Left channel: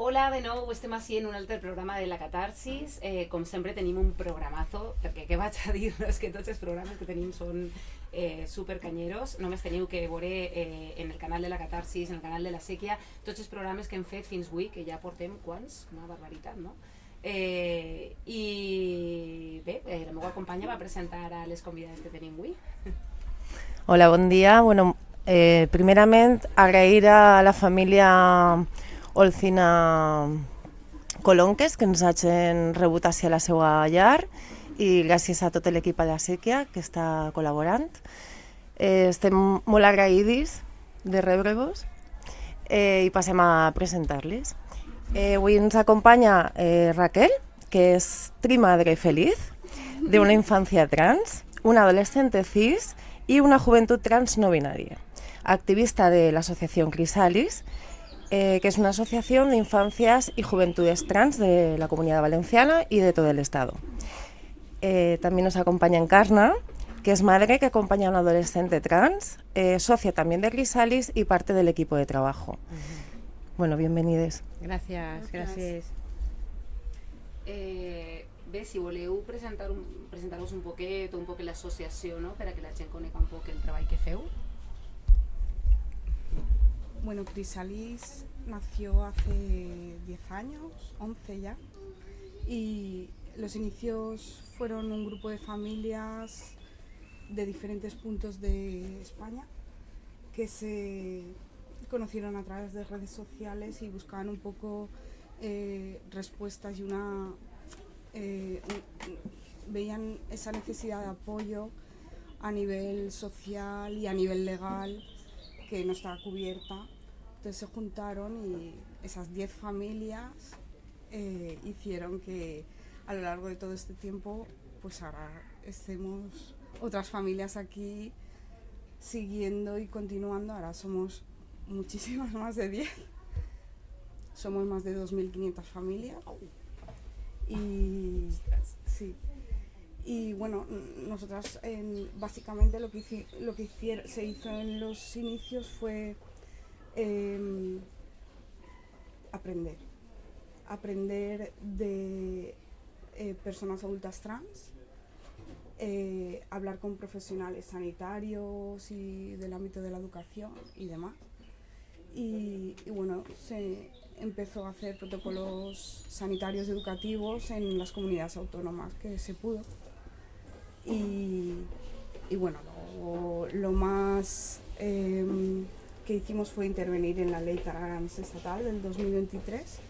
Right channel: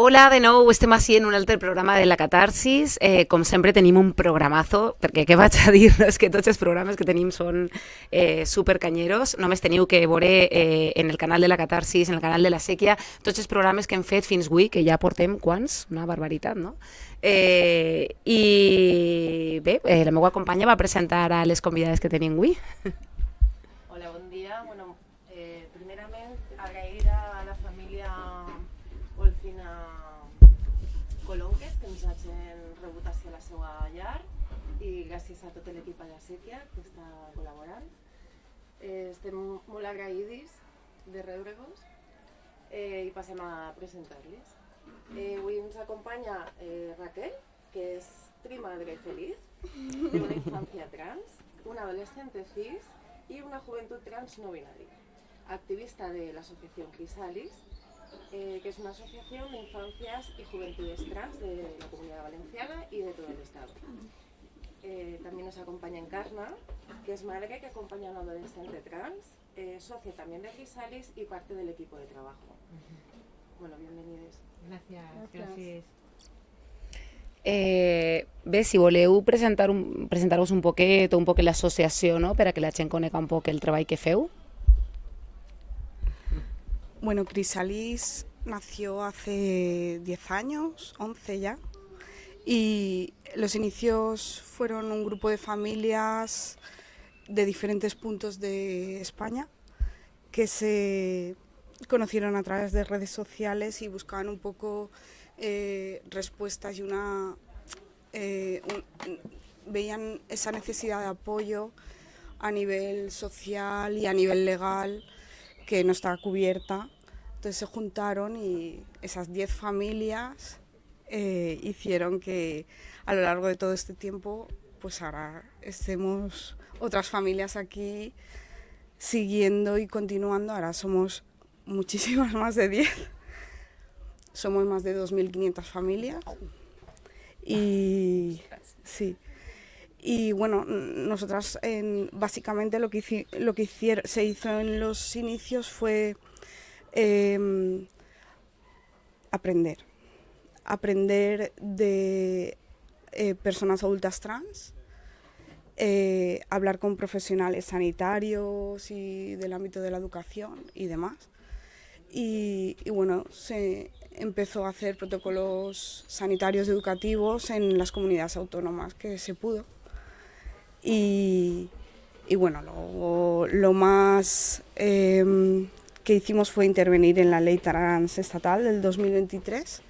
Hola de nou, estem així en un altre programa de la Catarsis. Com sempre tenim un programazo, perquè què vaig a dir? No, és que tots els programes que tenim són supercanyeros. Només teniu que veure en el canal de la Catarsis, en el canal de la Sèquia, tots els programes que hem fet fins avui, que ja portem quants? Una barbaritat, no? I bé, la meva companya va presentar a les convidades que tenim avui. Hola, bon dia. Bueno, primerament agrair a la família Olcina Colonques que ens hagin rebut a la seva llar i gràcies a tot l'equip a la Sèquia que està col·laborant. Estem molt agraïdis de rebre-vos i passem a presentar-les. Avui ens acompanya Raquel, que es trimadre feliz de una infancia trans, una adolescente cis y una juventud trans no binaria, activista de la asociación Crisalis, que es una asociación de infancias y juventudes trans de la Comunidad Valenciana y de todo el Estado. También nos acompaña Encarna, que es madre que acompaña a una adolescente trans, socia también de Crisalis y parte del equipo de trabajo. Bueno, bienvenides. Gràcies. Bé, si voleu presentar-vos un poquet l'associació, no?, per a que la gent conegui un poc el treball que feu. Bueno, Crisalis nació hace 10 años, 11 ya, y los inicios fueron un grupo de familias de diferentes puntos de España que se conocieron a través de redes sociales y buscaban un poco respuestas y veían esa necesidad de apoyo a nivel social y a nivel legal que no estaba cubierta. Entonces se juntaron y esas 10 familias hicieron que a lo largo de todo este tiempo pues ahora estemos otras familias aquí siguiendo y continuando. Ahora somos muchísimas más de 10. Somos más de 2.500 familias y sí. Y bueno, nosotras básicamente lo que se hizo en los inicios fue aprender de personas adultas trans, hablar con profesionales sanitarios y del ámbito de la educación y demás. Y bueno, se empezó a hacer protocolos sanitarios educativos en las comunidades autónomas que se pudo. Y bueno, lo más que hicimos fue intervenir en la ley trans estatal del 2023.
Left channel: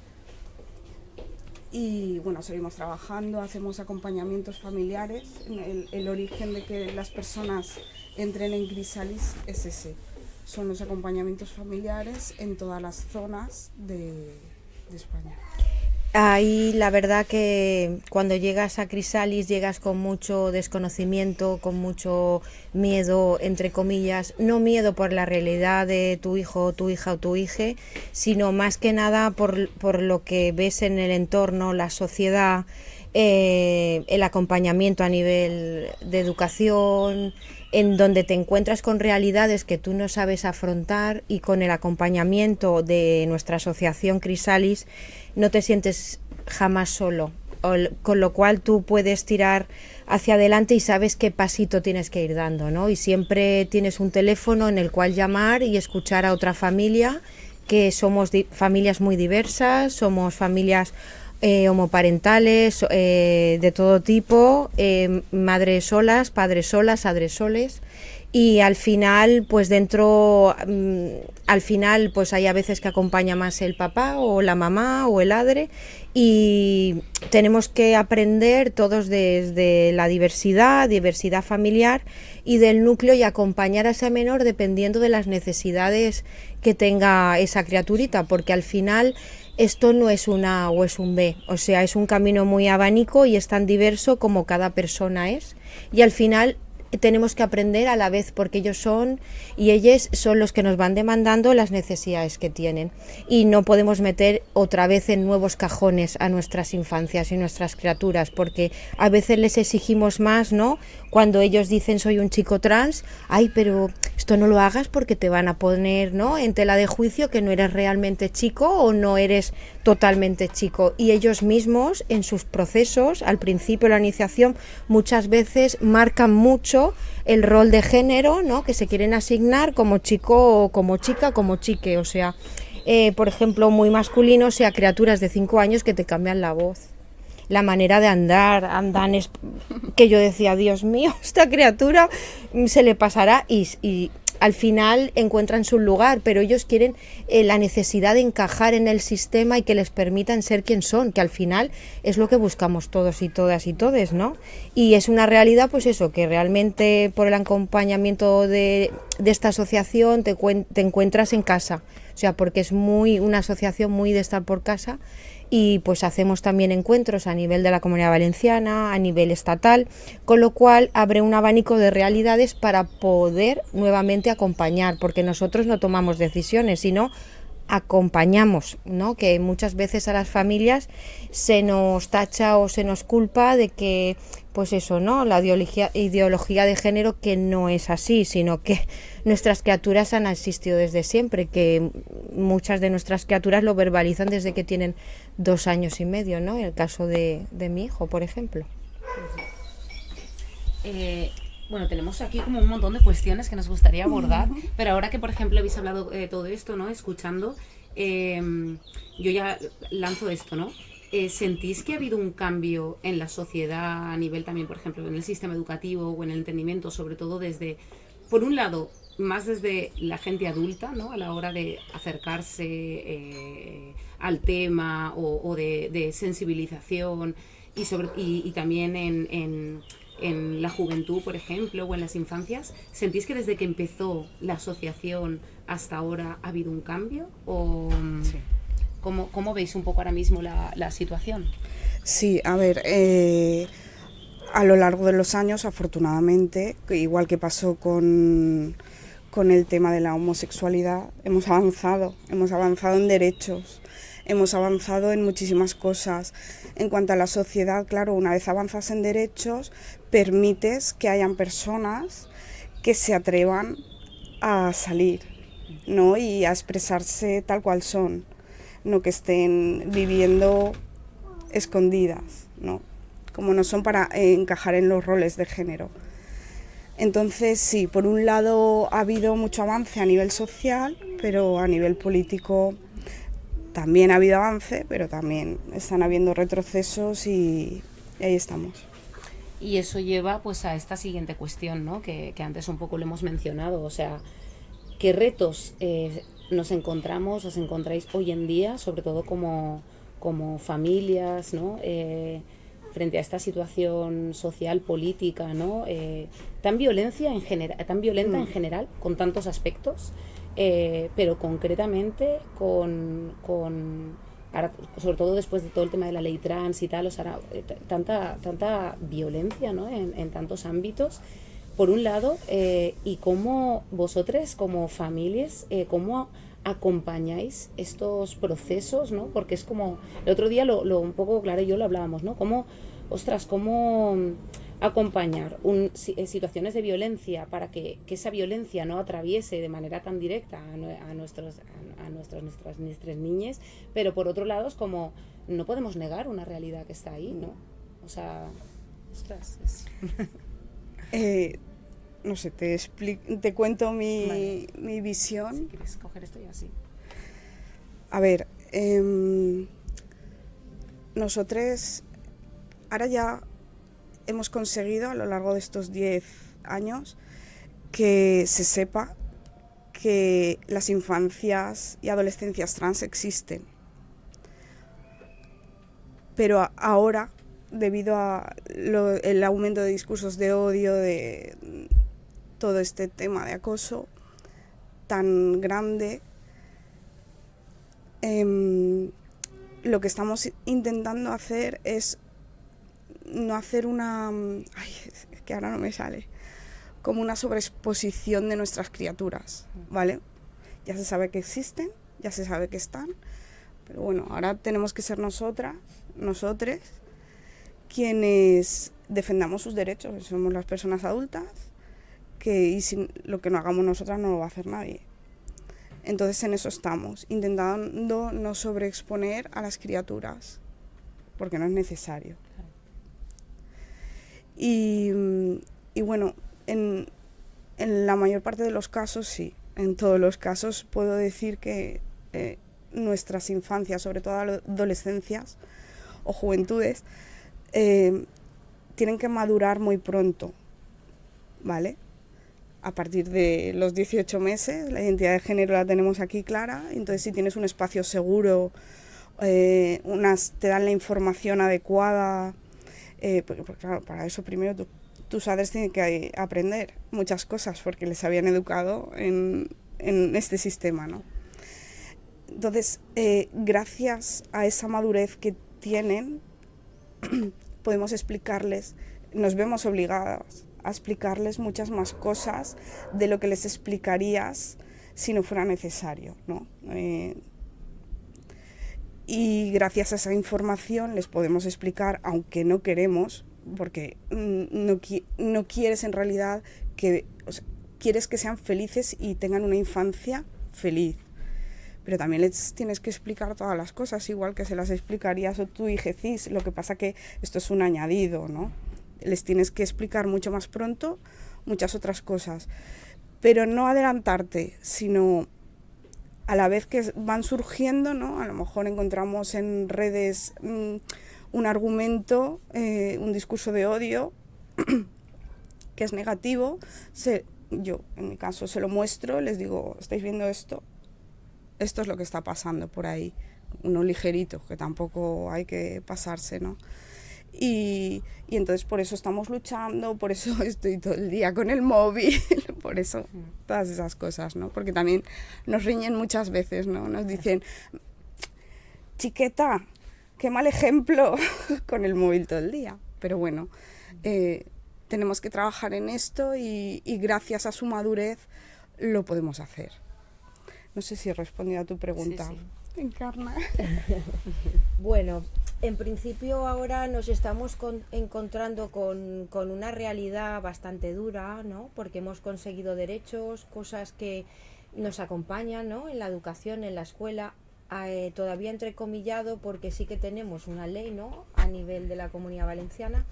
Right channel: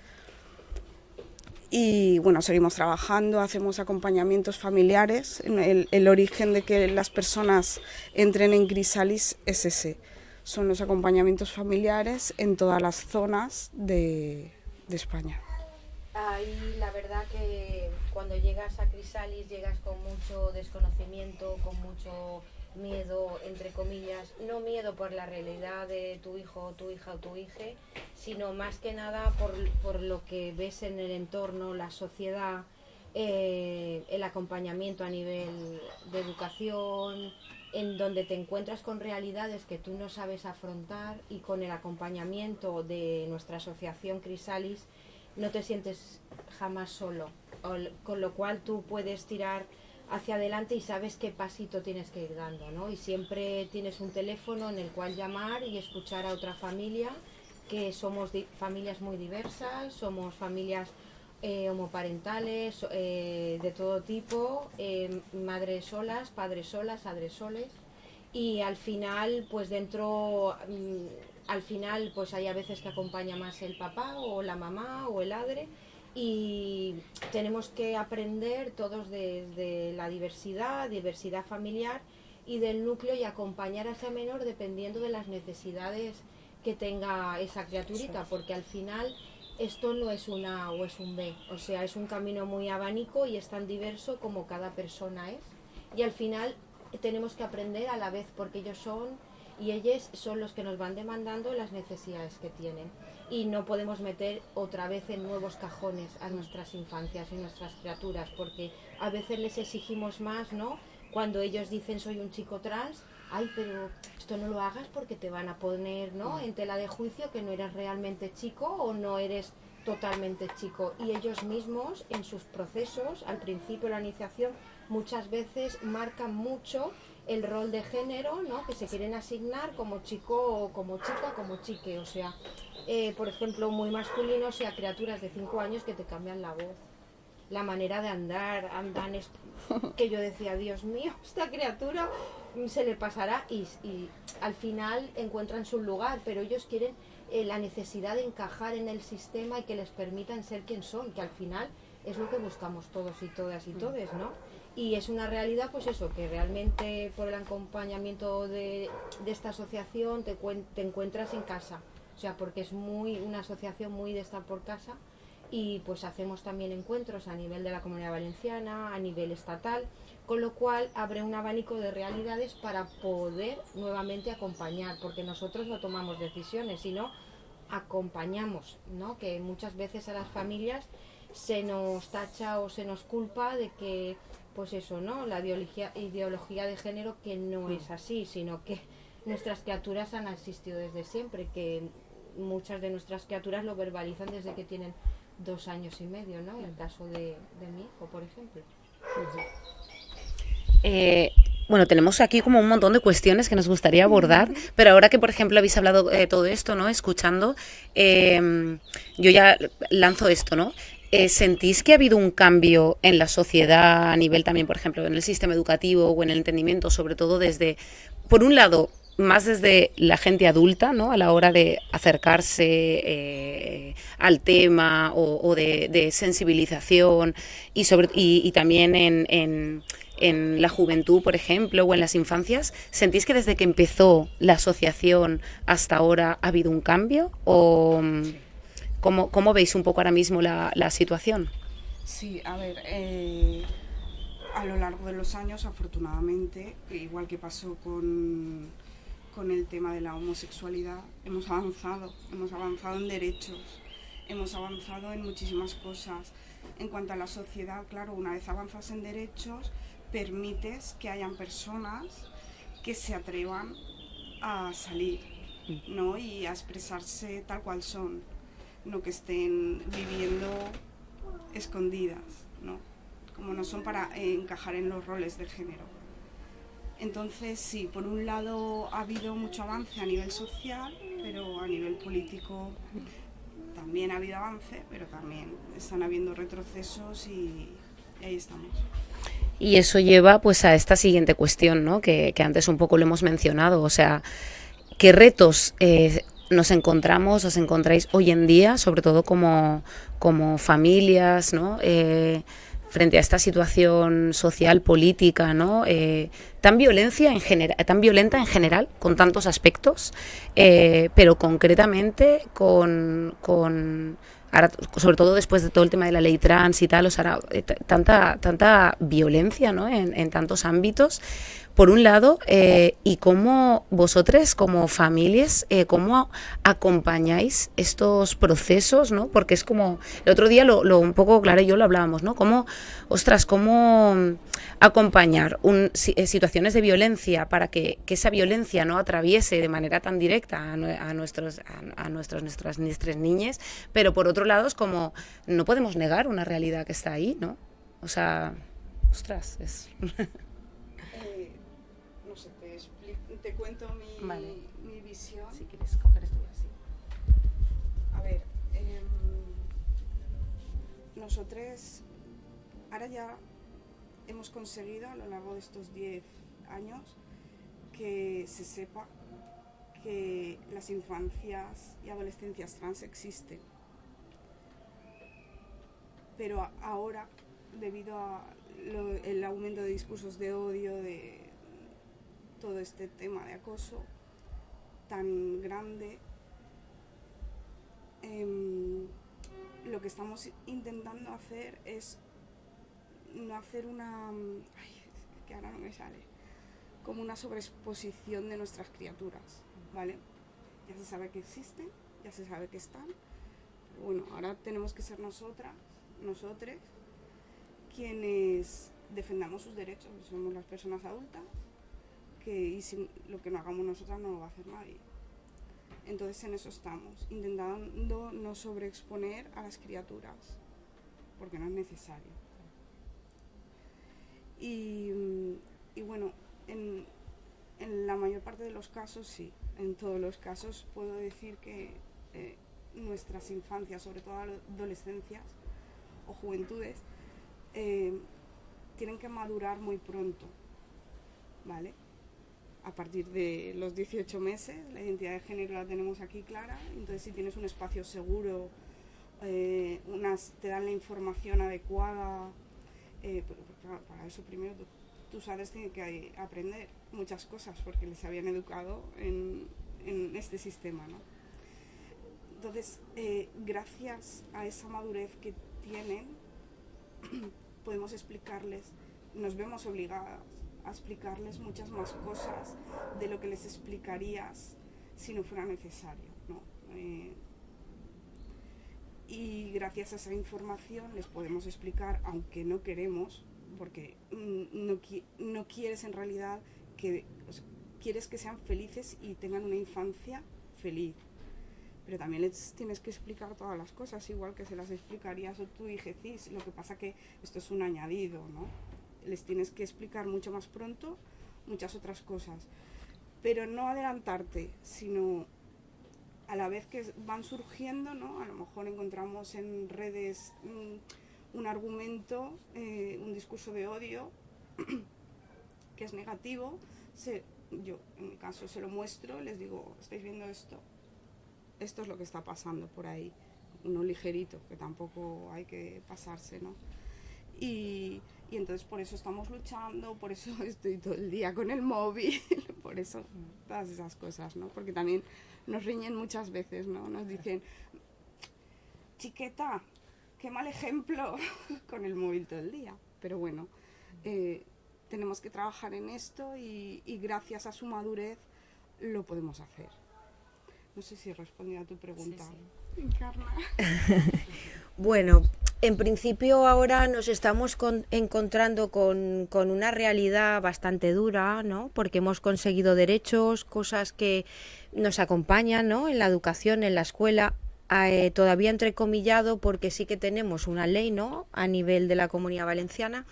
Y bueno, seguimos trabajando, hacemos acompañamientos familiares. El origen de que las personas entren en Crisalis es ese. Son los acompañamientos familiares en todas las zonas de España. Ahí la verdad que cuando llegas a Crisalis llegas con mucho desconocimiento, con mucho miedo, entre comillas, no miedo por la realidad de tu hijo, tu hija o tu hija, sino más que nada por lo que ves en el entorno, la sociedad, el acompañamiento a nivel de educación, en donde te encuentras con realidades que tú no sabes afrontar, y con el acompañamiento de nuestra asociación Crisalis no te sientes jamás solo, con lo cual tú puedes tirar hacia adelante y sabes qué pasito tienes que ir dando, ¿no? Y siempre tienes un teléfono en el cual llamar y escuchar a otra familia, que somos familias muy diversas, somos familias homoparentales, de todo tipo, madres solas, padres solas, adresoles. Y al final pues pues hay a veces que acompaña más el papá o la mamá o el adre, y tenemos que aprender todos desde la diversidad familiar y del núcleo, y acompañar a ese menor dependiendo de las necesidades que tenga esa criaturita, porque al final esto no es un A o es un B, o sea, es un camino muy abanico y es tan diverso como cada persona es, y al final tenemos que aprender a la vez, porque ellos son y ellas son los que nos van demandando las necesidades que tienen, y no podemos meter otra vez en nuevos cajones a nuestras infancias y nuestras criaturas, porque a veces les exigimos más, ¿no? cuando ellos dicen soy un chico trans, ay, pero esto no lo hagas porque te van a poner, ¿no?, en tela de juicio que no eres realmente chico o no eres totalmente chico. Y ellos mismos en sus procesos, al principio de la iniciación, muchas veces marcan mucho el rol de género, ¿no?, que se quieren asignar como chico o como chica, como chique, o sea, por ejemplo, muy masculino, o sea, criaturas de 5 años que te cambian la voz, la manera de andar, que yo decía, Dios mío, esta criatura se le pasará, y al final encuentran su lugar, pero ellos quieren la necesidad de encajar en el sistema y que les permitan ser quien son, que al final es lo que buscamos todos y todas y todes, ¿no? Y es una realidad, pues eso, que realmente por el acompañamiento de esta asociación te encuentras en casa, o sea, porque es una asociación muy de estar por casa. Y pues hacemos también encuentros a nivel de la Comunidad Valenciana, a nivel estatal, con lo cual abre un abanico de realidades para poder nuevamente acompañar, porque nosotros no tomamos decisiones, sino acompañamos, ¿no? Que muchas veces a las familias se nos tacha o se nos culpa de que, pues eso, ¿no?, la ideología de género, que no es así, sino que nuestras criaturas han existido desde siempre, que muchas de nuestras criaturas lo verbalizan desde que tienen 2 años y medio, ¿no?, en el caso de mi hijo, por ejemplo. Bueno, tenemos aquí como un montón de cuestiones que nos gustaría abordar, pero ahora que, por ejemplo, habéis hablado todo esto, ¿no?, escuchando, yo ya lanzo esto, ¿no? ¿Sentís que ha habido un cambio en la sociedad a nivel también, por ejemplo, en el sistema educativo o en el entendimiento, sobre todo desde, por un lado, más desde la gente adulta, ¿no?, a la hora de acercarse al tema o de sensibilización y también en la juventud, por ejemplo, o en las infancias? ¿Sentís que desde que empezó la asociación hasta ahora ha habido un cambio? ¿O sí? ¿Cómo veis un poco ahora mismo la situación? Sí, a ver, a lo largo de los años, afortunadamente, igual que pasó con el tema de la homosexualidad, hemos avanzado en derechos, hemos avanzado en muchísimas cosas. En cuanto a la sociedad, claro, una vez avanzas en derechos, permites que hayan personas que se atrevan a salir, ¿no?, y a expresarse tal cual son, no que estén viviendo escondidas, ¿no?, como no son, para encajar en los roles de género. Entonces, sí, por un lado ha habido mucho avance a nivel social, pero a nivel político también ha habido avance, pero también están habiendo retrocesos y ahí estamos. Y eso lleva pues a esta siguiente cuestión, ¿no?, que antes un poco lo hemos mencionado, o sea, ¿qué retos os encontráis hoy en día, sobre todo como familias, ¿no?, frente a esta situación social, política, ¿no?, tan violenta en general, con tantos aspectos, pero concretamente ahora, sobre todo después de todo el tema de la ley trans y tal, o sea, tanta violencia, ¿no?, en tantos ámbitos, por un lado, y cómo vosotros como familias, cómo acompañáis estos procesos, ¿no? Porque es como, el otro día un poco Clara y yo lo hablábamos, ¿no? Cómo acompañar situaciones de violencia para que esa violencia no atraviese de manera tan directa a nuestras niñas, pero por otro lado es como, no podemos negar una realidad que está ahí, ¿no? O sea, ostras, es... No sé, te cuento mi visión. Si quieres coger esto ya sí. A ver, nosotros ahora ya hemos conseguido a lo largo de estos 10 años que se sepa que las infancias y adolescencias trans existen. Pero ahora, debido a el aumento de discursos de odio, de todo este tema de acoso tan grande, lo que estamos intentando hacer es no hacer es que ahora no me sale, como una sobreexposición de nuestras criaturas, ¿vale? Ya se sabe que existen, ya se sabe que están, pero bueno, ahora tenemos que ser nosotres quienes defendamos sus derechos, que somos las personas adultas, y lo que no hagamos nosotras no lo va a hacer nadie. Entonces en eso estamos, intentando no sobreexponer a las criaturas, porque no es necesario. Y bueno, en la mayor parte de los casos sí, en todos los casos puedo decir que nuestras infancias, sobre todo adolescencias o juventudes, tienen que madurar muy pronto, ¿vale? A partir de los 18 meses, la identidad de género la tenemos aquí clara, entonces si tienes un espacio seguro, te dan la información adecuada, porque claro, para eso primero tus padres tienen que aprender muchas cosas porque les habían educado en este sistema, ¿no? Entonces, gracias a esa madurez que tienen, podemos explicarles, nos vemos obligadas a explicarles muchas más cosas de lo que les explicarías si no fuera necesario, ¿no? Y gracias a esa información les podemos explicar, aunque no queremos, porque no quieres en realidad quieres que sean felices y tengan una infancia feliz. Pero también les tienes que explicar todas las cosas, igual que se las explicarías a tu hijecís. Lo que pasa que esto es un añadido, ¿no? Les tienes que explicar mucho más pronto muchas otras cosas. Pero no adelantarte, sino a la vez que van surgiendo, ¿no? A lo mejor encontramos en redes un argumento, un discurso de odio que es negativo. Yo, en mi caso, se lo muestro, les digo, ¿estáis viendo esto? Esto es lo que está pasando por ahí. Uno ligerito, que tampoco hay que pasarse, ¿no? Y entonces por eso estamos luchando, por eso estoy todo el día con el móvil, por eso todas esas cosas, ¿no? Porque también nos riñen muchas veces, ¿no? Nos dicen, chiqueta, qué mal ejemplo con el móvil todo el día. Pero bueno, tenemos que trabajar en esto y gracias a su madurez lo podemos hacer. No sé si he respondido a tu pregunta. Sí, sí. Encarna. Bueno, en principio ahora nos estamos encontrando con una realidad bastante dura, ¿no? Porque hemos conseguido derechos, cosas que nos acompañan, ¿no? En la educación, en la escuela, todavía entrecomillado porque sí que tenemos una ley, ¿no? A nivel de la Comunidad Valenciana,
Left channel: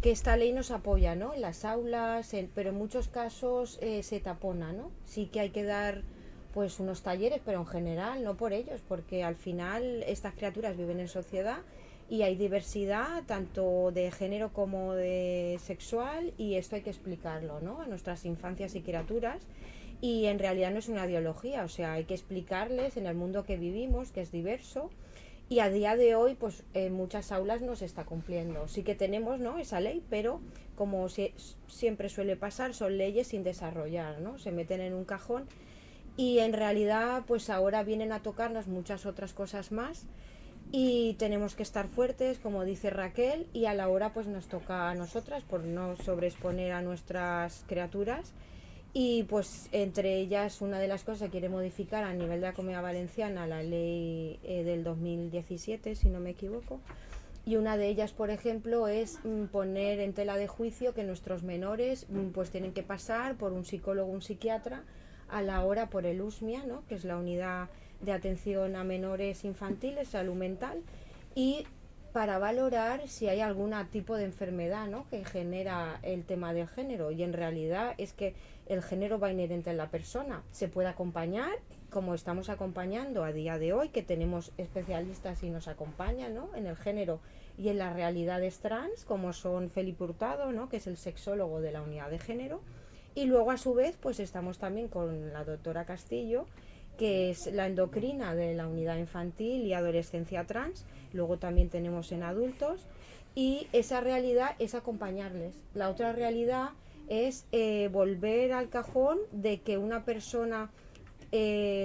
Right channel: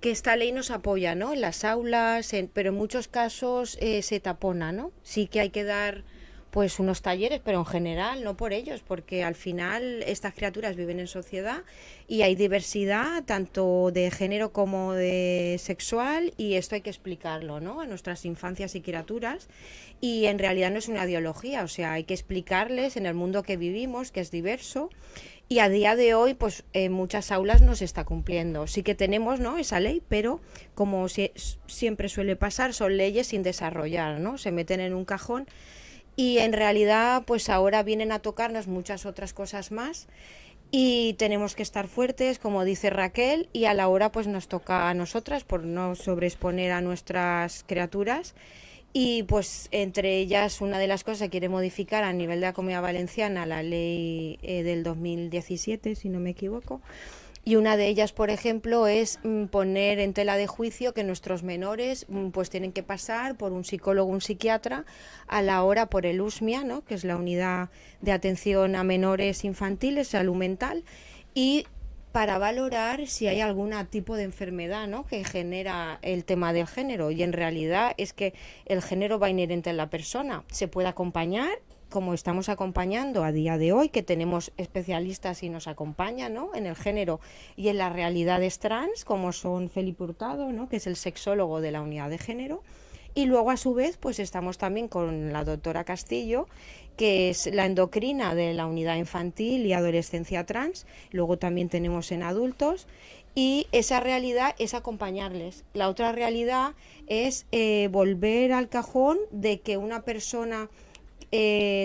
que esta ley nos apoya, ¿no? En las aulas, pero en muchos casos se tapona, ¿no? Sí que hay que dar pues unos talleres, pero en general no por ellos, porque al final estas criaturas viven en sociedad y hay diversidad tanto de género como de sexual, y esto hay que explicarlo, ¿no? A nuestras infancias y criaturas, y en realidad no es una ideología, o sea, hay que explicarles en el mundo que vivimos, que es diverso, y a día de hoy pues en muchas aulas no se está cumpliendo. Sí que tenemos, ¿no?, esa ley, pero como siempre suele pasar, son leyes sin desarrollar, ¿no? Se meten en un cajón. Y en realidad pues ahora vienen a tocarnos muchas otras cosas más y tenemos que estar fuertes, como dice Raquel, y a la hora pues nos toca a nosotras por no sobreexponer a nuestras criaturas. Y pues entre ellas una de las cosas que quiere modificar a nivel de la Comunidad Valenciana la ley del 2017, si no me equivoco. Y una de ellas, por ejemplo, es poner en tela de juicio que nuestros menores pues tienen que pasar por un psicólogo, un psiquiatra, a la hora por el USMIA, ¿no?, que es la Unidad de Atención a Menores Infantiles, Salud Mental, y para valorar si hay algún tipo de enfermedad, ¿no?, que genera el tema del género. Y en realidad es que el género va inherente en la persona. Se puede acompañar, como estamos acompañando a día de hoy, que tenemos especialistas y nos acompañan, ¿no?, en el género y en las realidades trans, como son Felipe Hurtado, ¿no?, que es el sexólogo de la unidad de género, y luego a su vez pues estamos también con la doctora Castillo, que es la endocrina de la unidad infantil y adolescencia trans. Luego también tenemos en adultos, y esa realidad es acompañarles. La otra realidad es volver al cajón de que una persona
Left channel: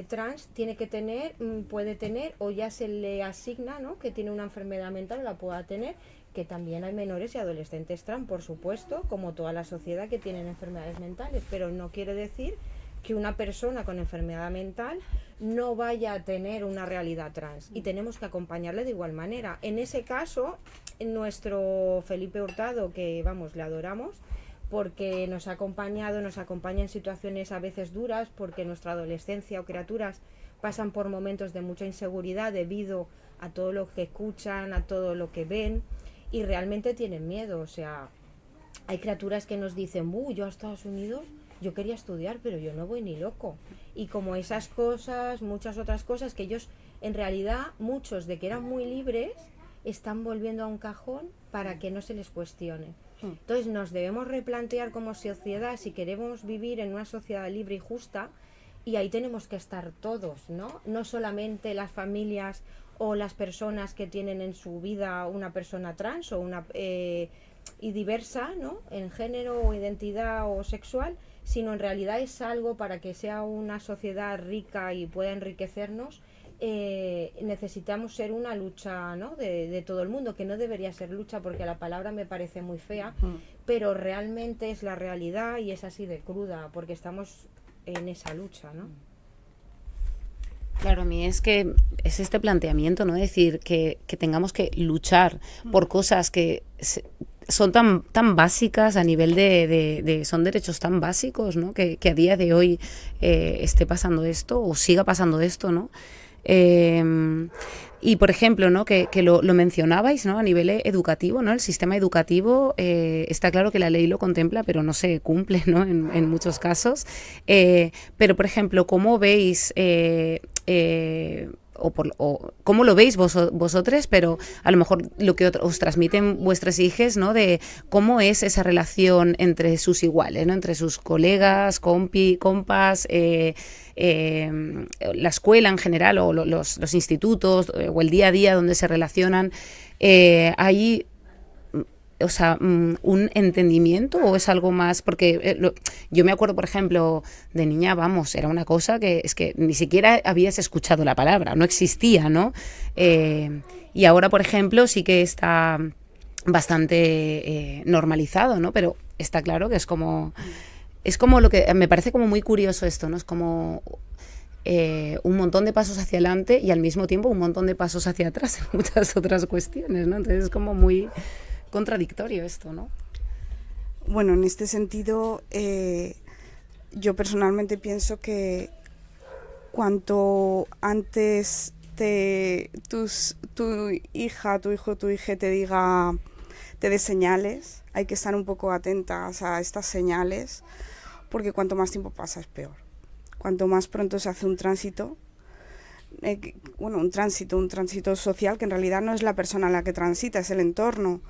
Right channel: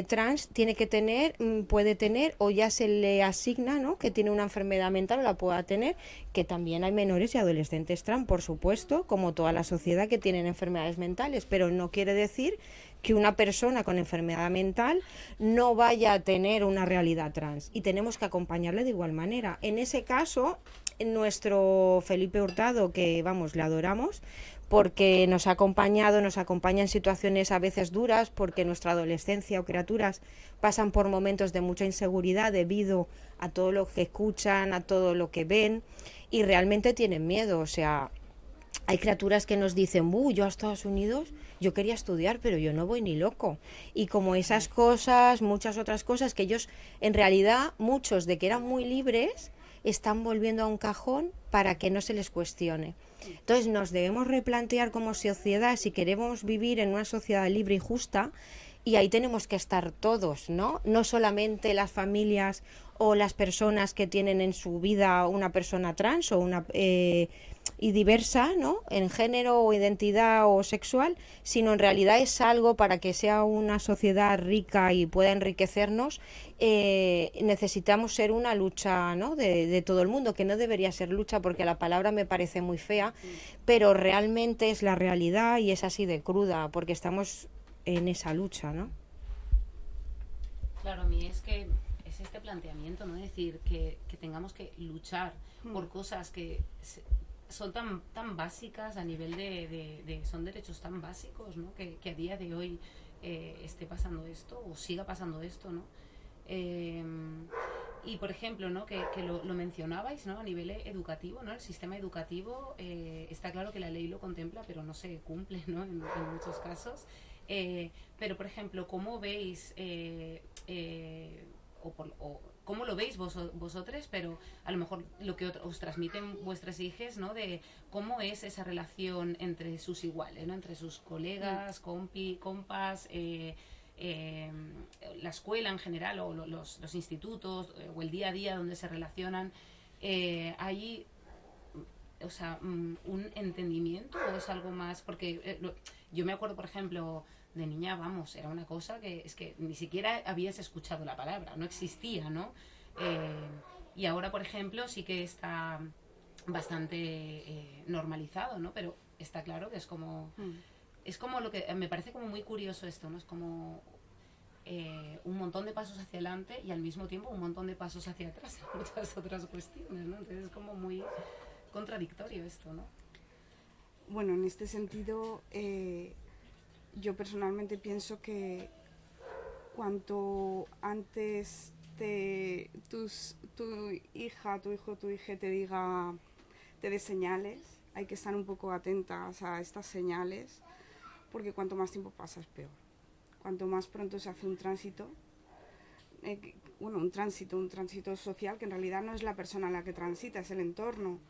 trans tiene que tener, puede tener, o ya se le asigna, ¿no?, que tiene una enfermedad mental o la pueda tener, que también hay menores y adolescentes trans, por supuesto, como toda la sociedad, que tienen enfermedades mentales, pero no quiere decir que una persona con enfermedad mental no vaya a tener una realidad trans, y tenemos que acompañarle de igual manera. En ese caso, nuestro Felipe Hurtado, que vamos, le adoramos, porque nos ha acompañado, nos acompaña en situaciones a veces duras, porque nuestra adolescencia o criaturas pasan por momentos de mucha inseguridad debido a todo lo que escuchan, a todo lo que ven, y realmente tienen miedo. O sea, hay criaturas que nos dicen, yo a Estados Unidos, yo quería estudiar, pero yo no voy ni loco. Y como esas cosas, muchas otras cosas que ellos, en realidad, muchos de que eran muy libres, están volviendo a un cajón para que no se les cuestione. Entonces nos debemos replantear como sociedad si queremos vivir en una sociedad libre y justa, y ahí tenemos que estar todos, ¿no? No solamente las familias o las personas que tienen en su vida una persona trans o una y diversa, ¿no? En género o identidad o sexual, sino en realidad es algo para que sea una sociedad rica y pueda enriquecernos. Necesitamos ser una lucha, ¿no? de todo el mundo, que no debería ser lucha porque la palabra me parece muy fea, pero realmente es la realidad y es así de cruda, porque estamos en esa lucha, ¿no? Claro, a mí es que es este planteamiento, ¿no? Decir que tengamos que luchar por cosas que son tan básicas a nivel son derechos tan básicos, ¿no? Que a día de hoy esté pasando esto o siga pasando esto, ¿no? Y por ejemplo, ¿no? que lo mencionabais, ¿no? A nivel educativo, ¿no? El sistema educativo, está claro que la ley lo contempla, pero no se cumple, ¿no? En muchos casos. Pero por ejemplo, ¿cómo veis o cómo lo veis vosotros, pero a lo mejor lo que os transmiten vuestras hijas, ¿no? De cómo es esa relación entre sus iguales, ¿no? Entre sus colegas, compas, la escuela en general o los institutos o el día a día donde se relacionan. ¿Hay, o sea, un entendimiento o es algo más? Porque yo me acuerdo, por ejemplo, de niña, vamos, era una cosa que es que ni siquiera habías escuchado la palabra, no existía, ¿no? Y ahora, por ejemplo, sí que está bastante normalizado, ¿no? Pero está claro que es como lo que me parece como muy curioso esto, ¿no? Es como un montón de pasos hacia adelante y al mismo tiempo un montón de pasos hacia atrás en muchas otras cuestiones, ¿no? Entonces es como muy contradictorio esto, ¿no? Bueno, en este sentido, yo personalmente pienso que cuanto antes tu hija, tu hijo, tu hija te dé señales, hay que estar un poco atentas a estas señales, porque cuanto más tiempo pasa es peor. Cuanto más pronto se hace un tránsito, un tránsito social, que en realidad no es la persona la que transita, es el entorno,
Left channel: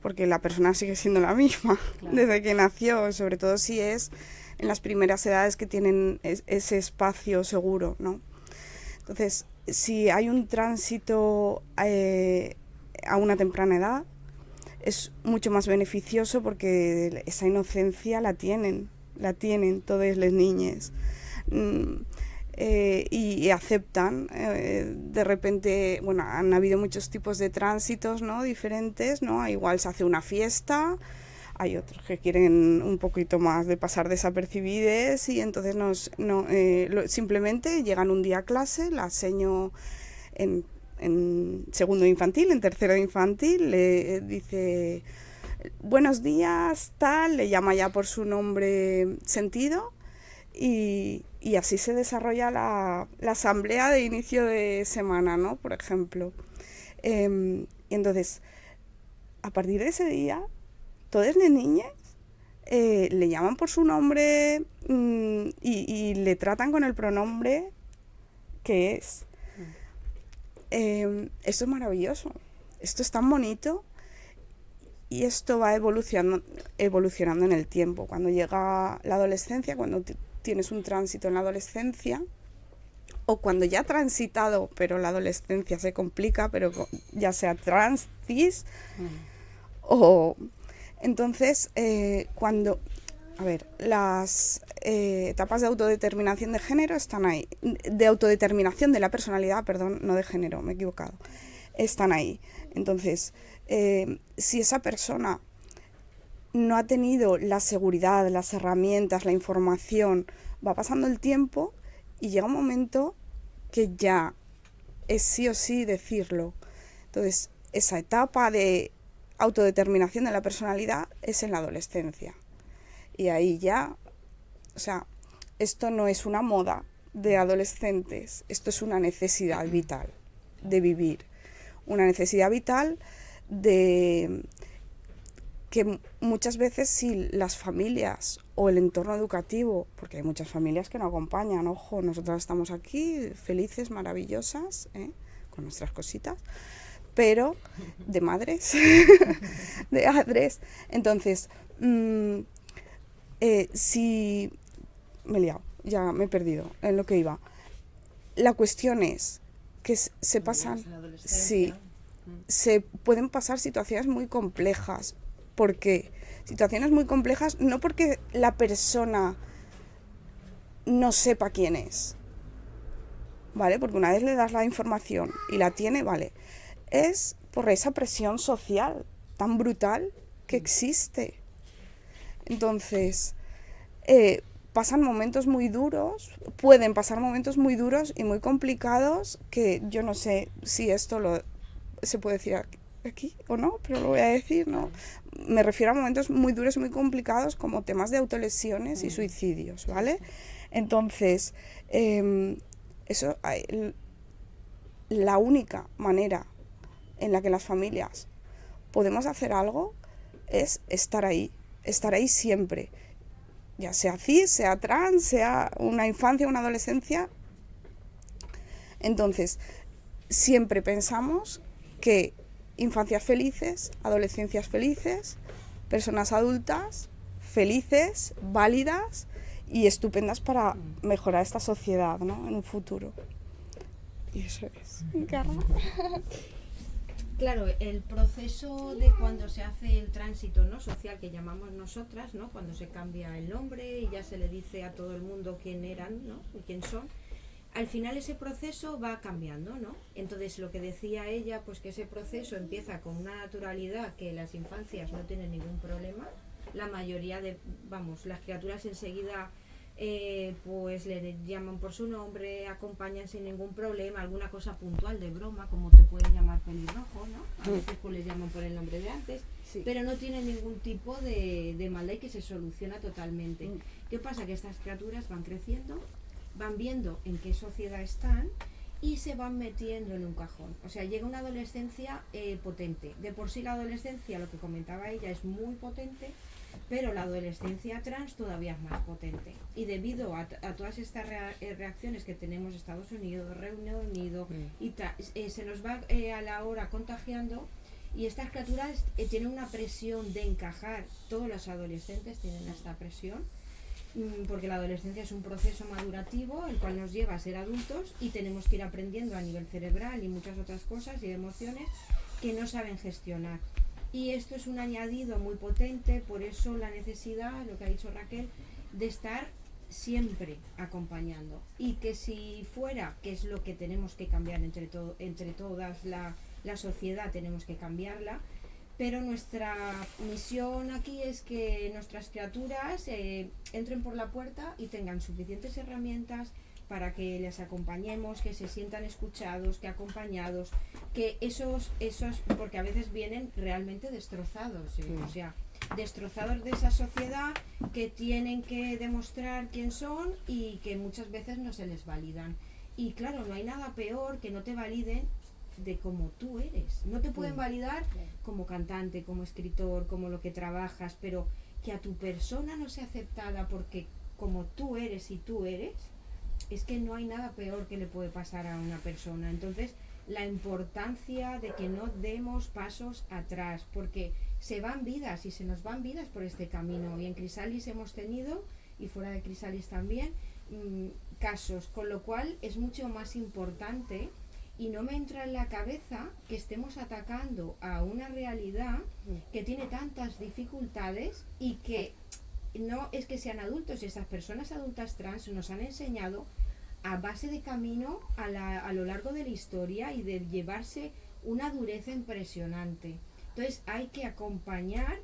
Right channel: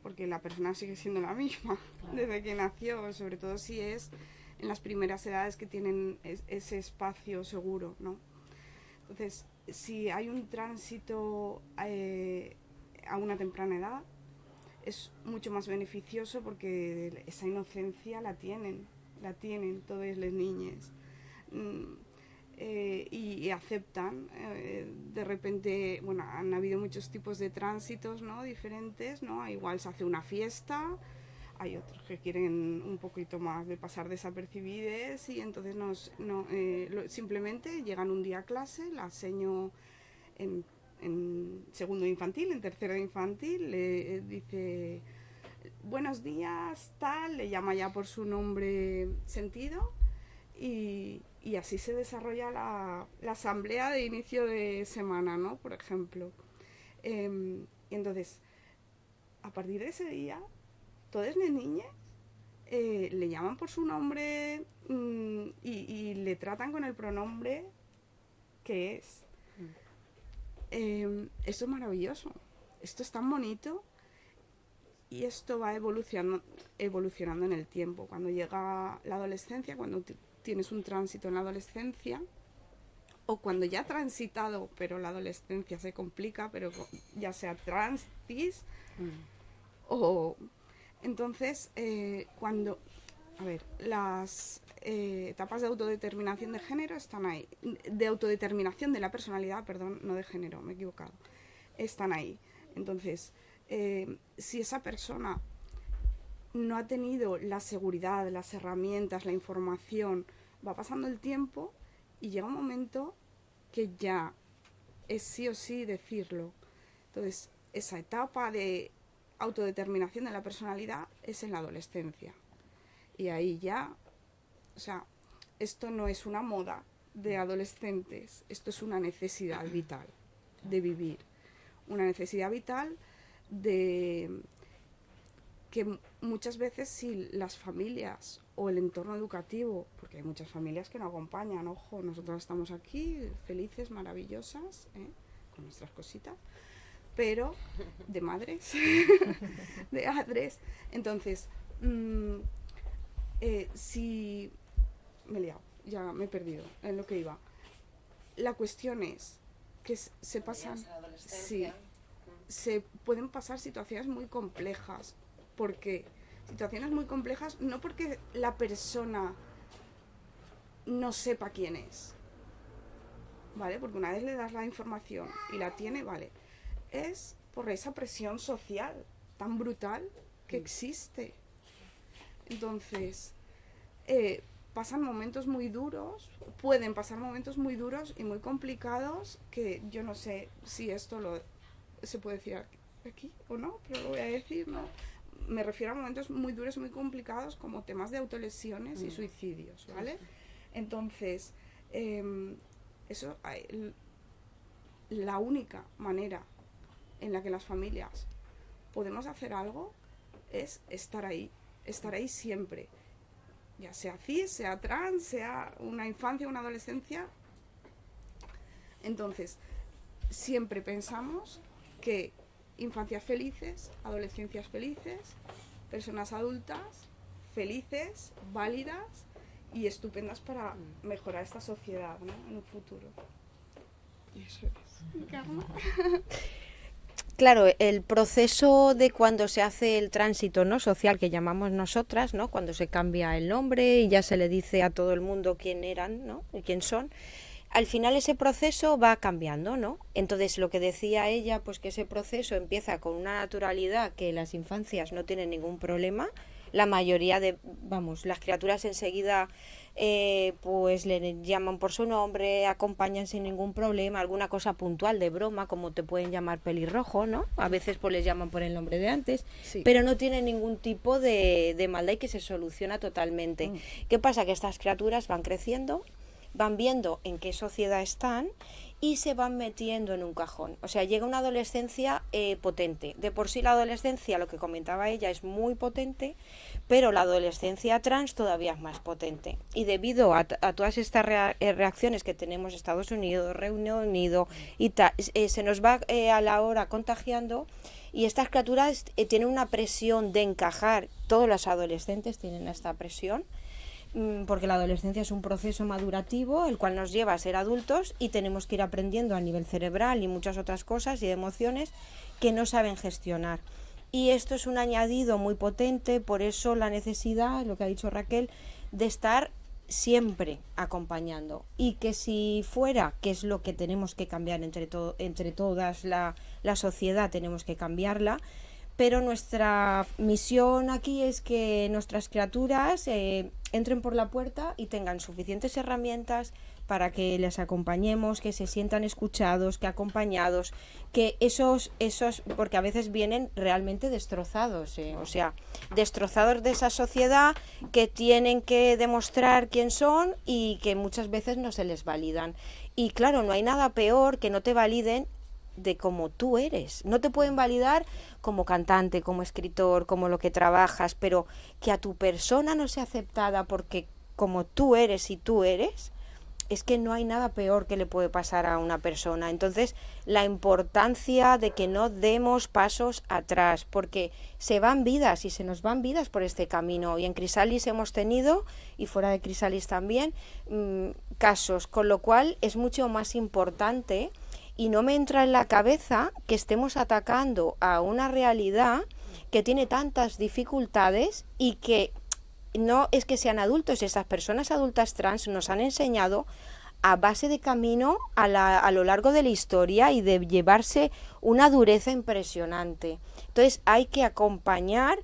porque la persona sigue siendo la misma, claro, desde que nació, sobre todo si es en las primeras edades que tienen ese espacio seguro, ¿no? Entonces, si hay un tránsito a una temprana edad, es mucho más beneficioso porque esa inocencia la tienen todas las niñas. Y aceptan, de repente, bueno, han habido muchos tipos de tránsitos, ¿no? Diferentes, ¿no? Igual se hace una fiesta, hay otros que quieren un poquito más de pasar desapercibides y entonces simplemente llegan un día a clase, la enseño en segundo de infantil, en tercero de infantil, le dice buenos días, tal, le llama ya por su nombre sentido y así se desarrolla la asamblea de inicio de semana, ¿no? Por ejemplo. Y entonces, a partir de ese día, todas las niñas le llaman por su nombre y le tratan con el pronombre que es. Esto es maravilloso, esto es tan bonito y esto va evolucionando en el tiempo. Cuando llega la adolescencia, cuando tienes un tránsito en la adolescencia, o cuando ya ha transitado, pero la adolescencia se complica, pero ya sea trans, cis, o... Entonces, las etapas de autodeterminación de género están ahí, de autodeterminación de la personalidad, perdón, no de género, me he equivocado, están ahí. Entonces, si esa persona no ha tenido la seguridad, las herramientas, la información, va pasando el tiempo y llega un momento que ya es sí o sí decirlo. Entonces, esa etapa de autodeterminación de la personalidad es en la adolescencia. Y ahí ya, o sea, esto no es una moda de adolescentes, esto es una necesidad vital de vivir, una necesidad vital de que muchas veces si las familias o el entorno educativo, porque hay muchas familias que no acompañan, ojo, nosotras estamos aquí felices, maravillosas, con nuestras cositas, pero de madres, de padres. Entonces, si... me he liado, ya me he perdido en lo que iba. La cuestión es que se pasan... Sí, se pueden pasar situaciones muy complejas. ¿Por qué? Situaciones muy complejas, no porque la persona no sepa quién es, ¿vale? Porque una vez le das la información y la tiene, vale. Es por esa presión social tan brutal que existe. Entonces, pasan momentos muy duros, pueden pasar momentos muy duros y muy complicados que yo no sé si esto se puede decir aquí o no, pero lo voy a decir, ¿no? Me refiero a momentos muy duros y muy complicados como temas de autolesiones y suicidios, ¿vale? Entonces, la única manera en la que las familias podemos hacer algo es estar ahí siempre, ya sea cis, sea trans, sea una infancia, una adolescencia. Entonces, siempre pensamos que infancias felices, adolescencias felices, personas adultas felices, válidas y estupendas para mejorar esta sociedad, ¿no? En un futuro. Y eso es. Claro, el proceso de cuando se hace el tránsito, ¿no?, social que llamamos nosotras, ¿no?, cuando se cambia el nombre y ya se le dice a todo el mundo quién eran, ¿no?, y quién son. Al final ese proceso va cambiando, ¿no? Entonces lo que decía ella, pues que ese proceso empieza con una naturalidad que las infancias no tienen ningún problema. La mayoría las criaturas enseguida pues le llaman por su nombre, acompañan sin ningún problema, alguna cosa puntual de broma, como te pueden llamar pelirrojo, ¿no? A veces pues les llaman por el nombre de antes, sí, pero no tienen ningún tipo de maldad y que se soluciona totalmente. ¿Qué pasa? Que estas criaturas van creciendo, van viendo en qué sociedad están y se van metiendo en un cajón. O sea, llega una adolescencia potente. De por sí la adolescencia, lo que comentaba ella, es muy potente, pero la adolescencia trans todavía es más potente. Y debido a todas estas reacciones que tenemos Estados Unidos, Reino Unido, y se nos va a la hora contagiando, y estas criaturas tienen una presión de encajar. Todos los adolescentes tienen esta presión, porque la adolescencia es un proceso madurativo el cual nos lleva a ser adultos y tenemos que ir aprendiendo a nivel cerebral y muchas otras cosas y de emociones que no saben gestionar, y esto es un añadido muy potente. Por eso la necesidad, lo que ha dicho Raquel, de estar siempre acompañando, y que si fuera, que es lo que tenemos que cambiar entre todas, la sociedad tenemos que cambiarla, pero nuestra misión aquí es que nuestras criaturas entren por la puerta y tengan suficientes herramientas para que les acompañemos, que se sientan escuchados, que acompañados, que esos porque a veces vienen realmente destrozados, o sea, destrozados de esa sociedad, que tienen que demostrar quién son y que muchas veces no se les validan. Y claro, no hay nada peor que no te validen de cómo tú eres. No te pueden validar como cantante, como escritor, como lo que trabajas, pero que a tu persona no sea aceptada porque como tú eres y tú eres, es que no hay nada peor que le puede pasar a una persona. Entonces, la importancia de que no demos pasos atrás, porque se van vidas y se nos van vidas por este camino. Y en Crisalis hemos tenido, y fuera de Crisalis también, casos, con lo cual es mucho más importante. Y no me entra en la cabeza que estemos atacando a una realidad que tiene tantas dificultades y que no es que sean adultos. Esas personas adultas trans nos han enseñado a base de camino a lo largo de la historia y de llevarse una dureza impresionante. Entonces hay que acompañar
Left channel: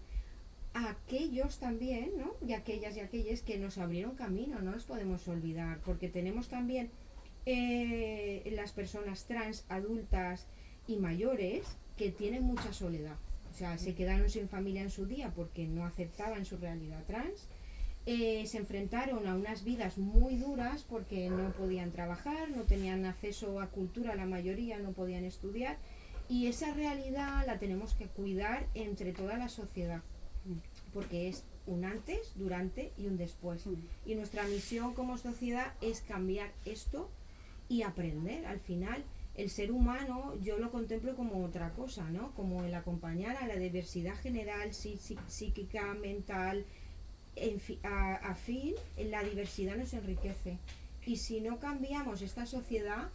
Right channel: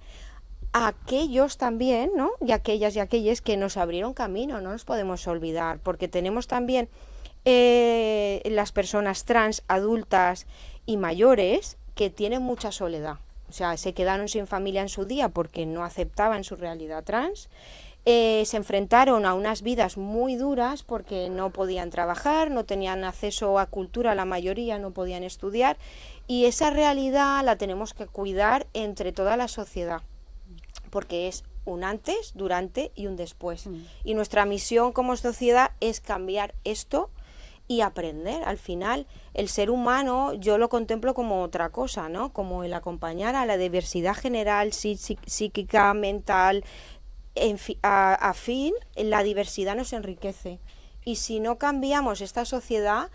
a aquellos también, ¿no? Y aquellas y aquellos que nos abrieron camino, no nos podemos olvidar, porque tenemos también las personas trans adultas y mayores que tienen mucha soledad. O sea, se quedaron sin familia en su día porque no aceptaban su realidad trans. Se enfrentaron a unas vidas muy duras porque no podían trabajar, no tenían acceso a cultura, la mayoría no podían estudiar, y esa realidad la tenemos que cuidar entre toda la sociedad, porque es un antes, durante y un después. Y nuestra misión como sociedad es cambiar esto y aprender. Al final, el ser humano yo lo contemplo como otra cosa, ¿no? Como el acompañar a la diversidad general, psíquica, mental. A fin, la diversidad nos enriquece, y si no cambiamos esta sociedad,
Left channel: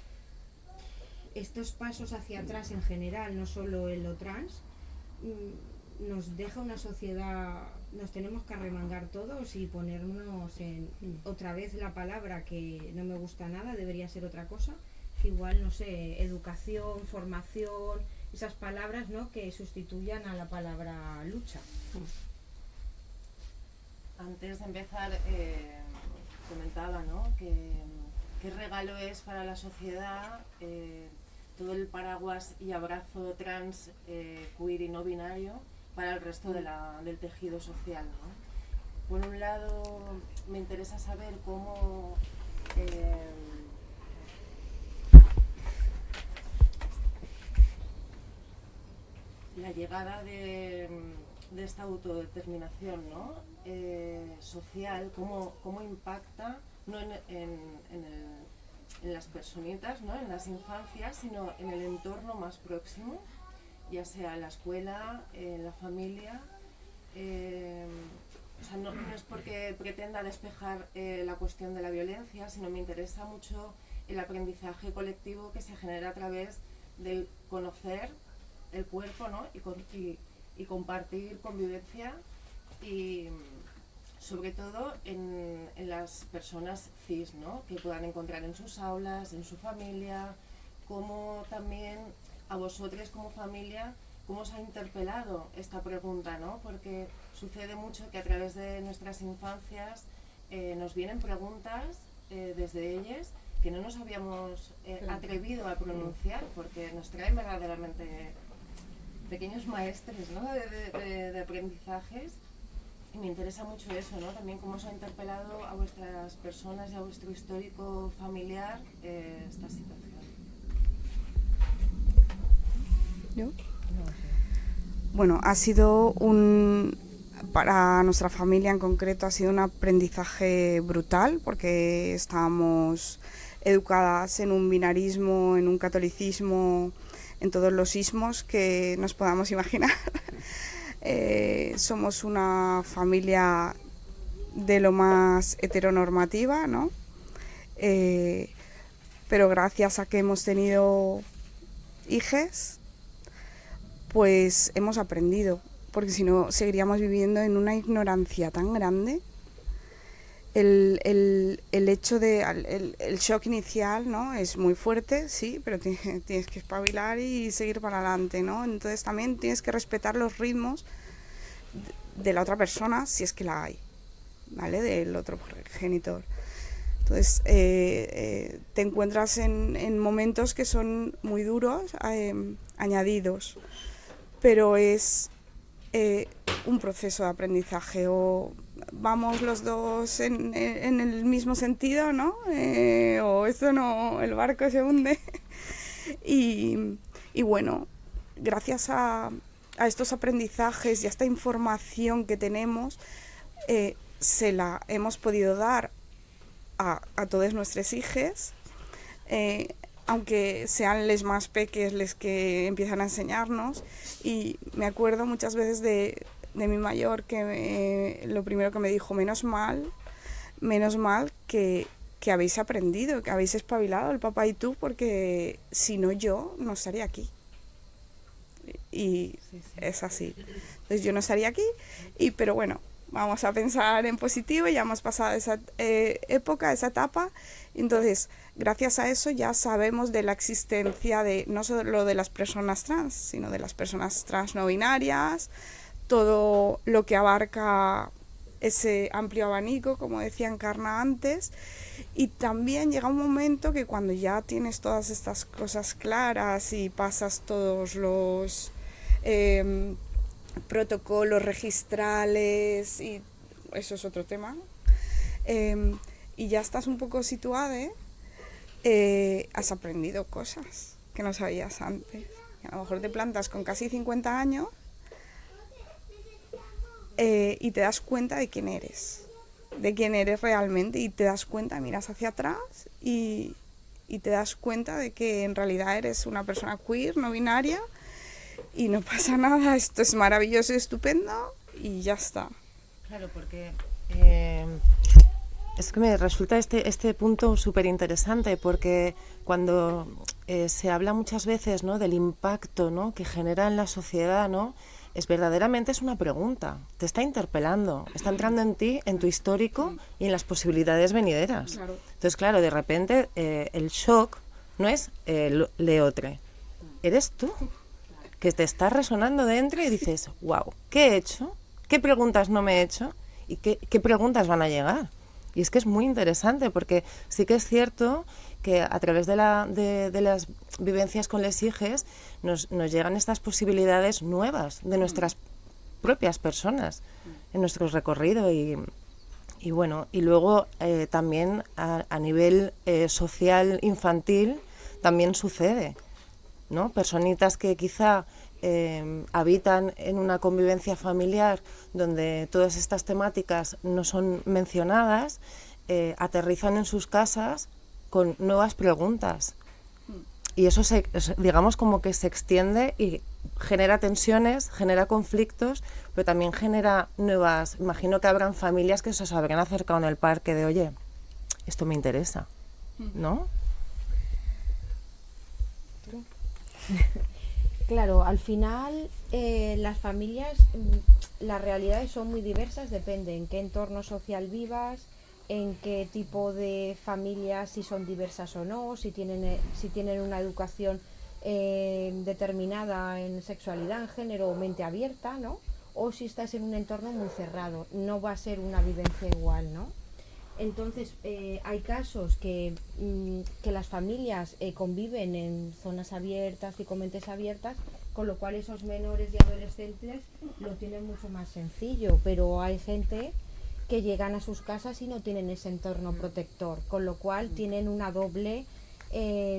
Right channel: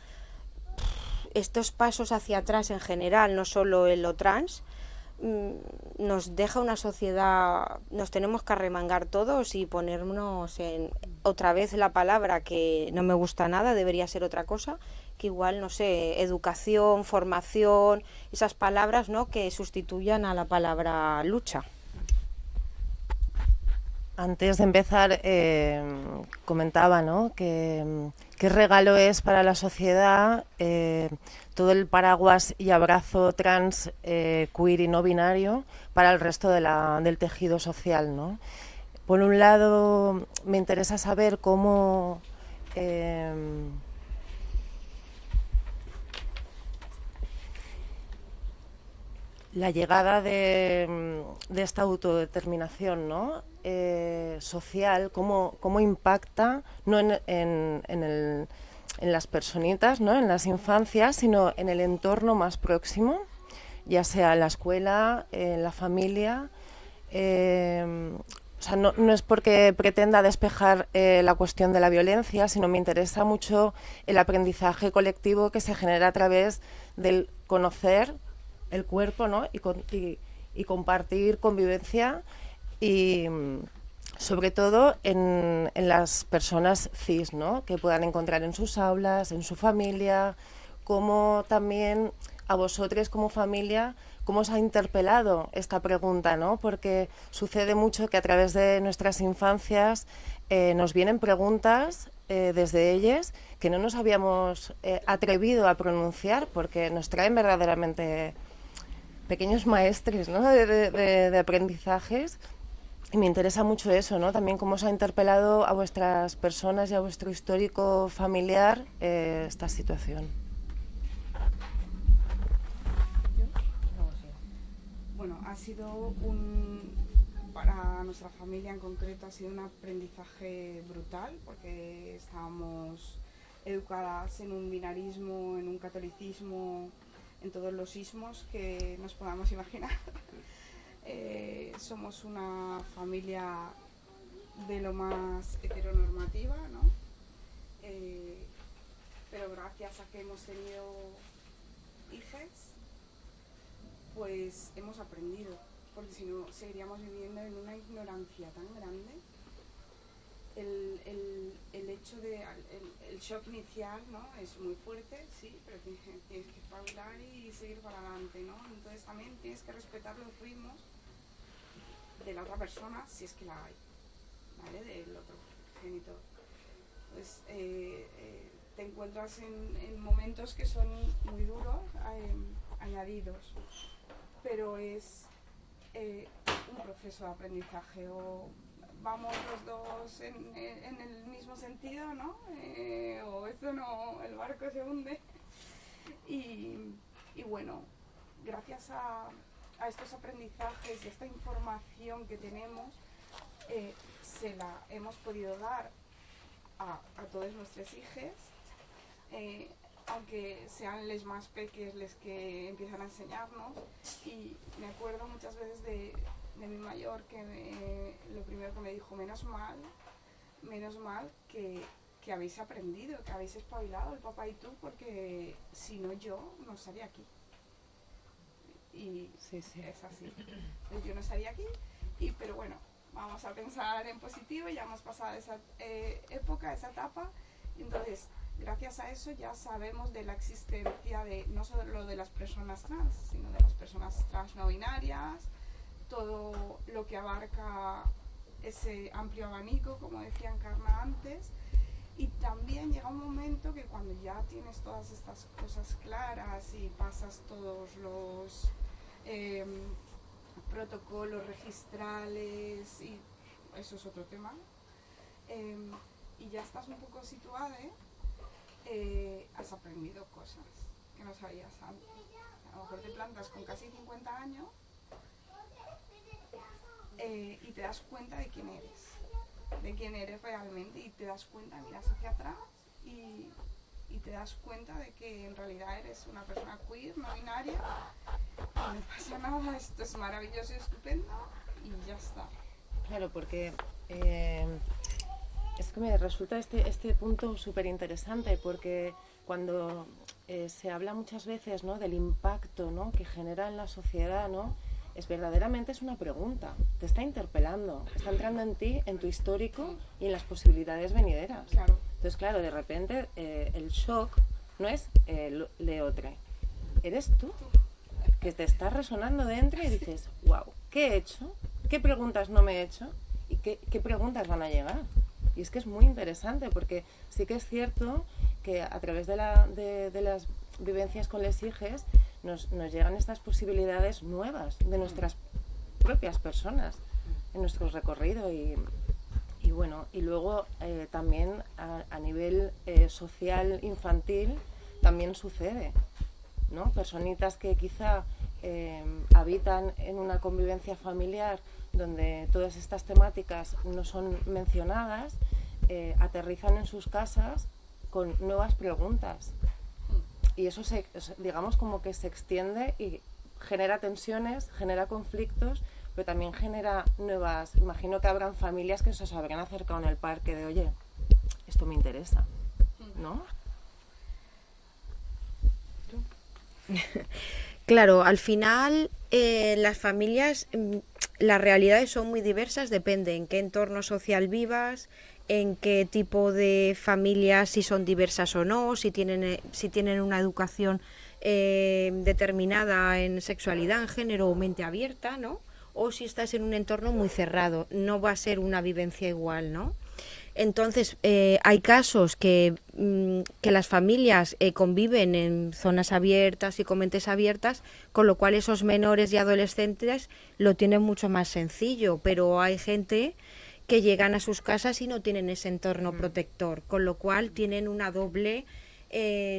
estos pasos hacia atrás en general, no solo en lo trans, nos deja una sociedad, nos tenemos que arremangar todos y ponernos en, otra vez la palabra que no me gusta nada, debería ser otra cosa, que igual, no sé, educación, formación, esas palabras, ¿no?, que sustituyan a la palabra lucha. Antes de empezar, comentaba, ¿no?, que qué regalo es para la sociedad todo el paraguas y abrazo trans, queer y no binario para el resto del tejido social, ¿no? Por un lado, me interesa saber cómo la llegada de esta autodeterminación, ¿no?, social, cómo impacta no en las personitas, ¿no?, en las infancias, sino en el entorno más próximo, ya sea en la escuela, en la familia. O sea, no es porque pretenda despejar la cuestión de la violencia, sino me interesa mucho el aprendizaje colectivo que se genera a través del conocer el cuerpo, ¿no?, y compartir convivencia, y sobre todo en las personas cis, ¿no?, que puedan encontrar en sus aulas, en su familia, como también a vosotros como familia, cómo os ha interpelado esta pregunta, ¿no?, porque sucede mucho que a través de nuestras infancias nos vienen preguntas desde ellas que no nos habíamos atrevido a pronunciar, porque nos traen verdaderamente pequeños maestres, ¿no?, de aprendizajes, y me interesa mucho eso, ¿no?, también cómo os ha interpelado a vuestras personas y a vuestro histórico familiar esta situación. ¿Yo? Bueno, ha sido para nuestra familia en concreto ha sido un aprendizaje brutal, porque estábamos educadas en un binarismo, en un catolicismo, en todos los ismos que nos podamos imaginar. Somos una familia de lo más heteronormativa, ¿no? Pero gracias a que hemos tenido hijes, pues hemos aprendido, porque si no seguiríamos viviendo en una ignorancia tan grande. El hecho de el shock inicial, ¿no?, es muy fuerte, sí, pero tienes que espabilar y seguir para adelante, ¿no? Entonces también tienes que respetar los ritmos de la otra persona, si es que la hay, ¿vale?, del otro progenitor. Entonces te encuentras en momentos que son muy duros, añadidos, pero es un proceso de aprendizaje, o vamos los dos en el mismo sentido, ¿no? O esto no, el barco se hunde. y bueno, gracias a estos aprendizajes y a esta información que tenemos, se la hemos podido dar a todos nuestros hijos, aunque sean les más peques les que empiezan a enseñarnos. Y me acuerdo muchas veces de mi mayor que lo primero que me dijo: menos mal que habéis aprendido, que habéis espabilado el papá y tú, porque si no yo no estaría aquí. Y sí. Es así. Entonces yo no estaría aquí, pero bueno, vamos a pensar en positivo, ya hemos pasado esa época, esa etapa. Entonces, gracias a eso ya sabemos de la existencia de no solo de las personas trans, sino de las personas trans no binarias, todo lo que abarca ese amplio abanico, como decía Encarna antes. Y también llega un momento que cuando ya tienes todas estas cosas claras y pasas todos los protocolos registrales, y eso es otro tema. Y ya estás un poco situada, has aprendido cosas que no sabías antes. A lo mejor te plantas con casi 50 años y te das cuenta de quién eres realmente, y te das cuenta, miras hacia atrás y te das cuenta de que en realidad eres una persona queer, no binaria, y no pasa nada, esto es maravilloso y estupendo y ya está. Claro, porque es que me resulta este punto súper interesante, porque cuando se habla muchas veces, ¿no?, del impacto, ¿no?, que genera en la sociedad, ¿no?, verdaderamente es una pregunta, te está interpelando, está entrando en ti, en tu histórico y en las posibilidades venideras. Claro. Entonces, claro, de repente el shock no es Leotre, eres tú, que te está resonando dentro y dices, wow, ¿qué he hecho? ¿Qué preguntas no me he hecho? ¿Y qué preguntas van a llegar? Y es que es muy interesante, porque sí que es cierto que a través de las vivencias con les hijes nos llegan estas posibilidades nuevas de nuestras propias personas en nuestro recorrido. Y bueno, y luego también a nivel social infantil también sucede, ¿no? Personitas que quizá habitan en una convivencia familiar donde todas estas temáticas no son mencionadas, aterrizan en sus casas con nuevas preguntas, y eso digamos como que se extiende y genera tensiones, genera conflictos, pero también genera nuevas. Imagino que habrán familias que se os habrán acercado en el parque de, oye, esto me interesa, ¿no? Claro, al final las familias, las realidades son muy diversas, depende en qué entorno social vivas, en qué tipo de familias, si son diversas o no, si tienen una educación determinada en sexualidad, en género o mente abierta, ¿no? O si estás en un entorno muy cerrado, no va a ser una vivencia igual, ¿no? Entonces, hay casos que las familias conviven en zonas abiertas y con mentes abiertas, con lo cual esos menores y adolescentes lo tienen mucho más sencillo, pero hay gente que llegan a sus casas y no tienen ese entorno protector, con lo cual tienen una doble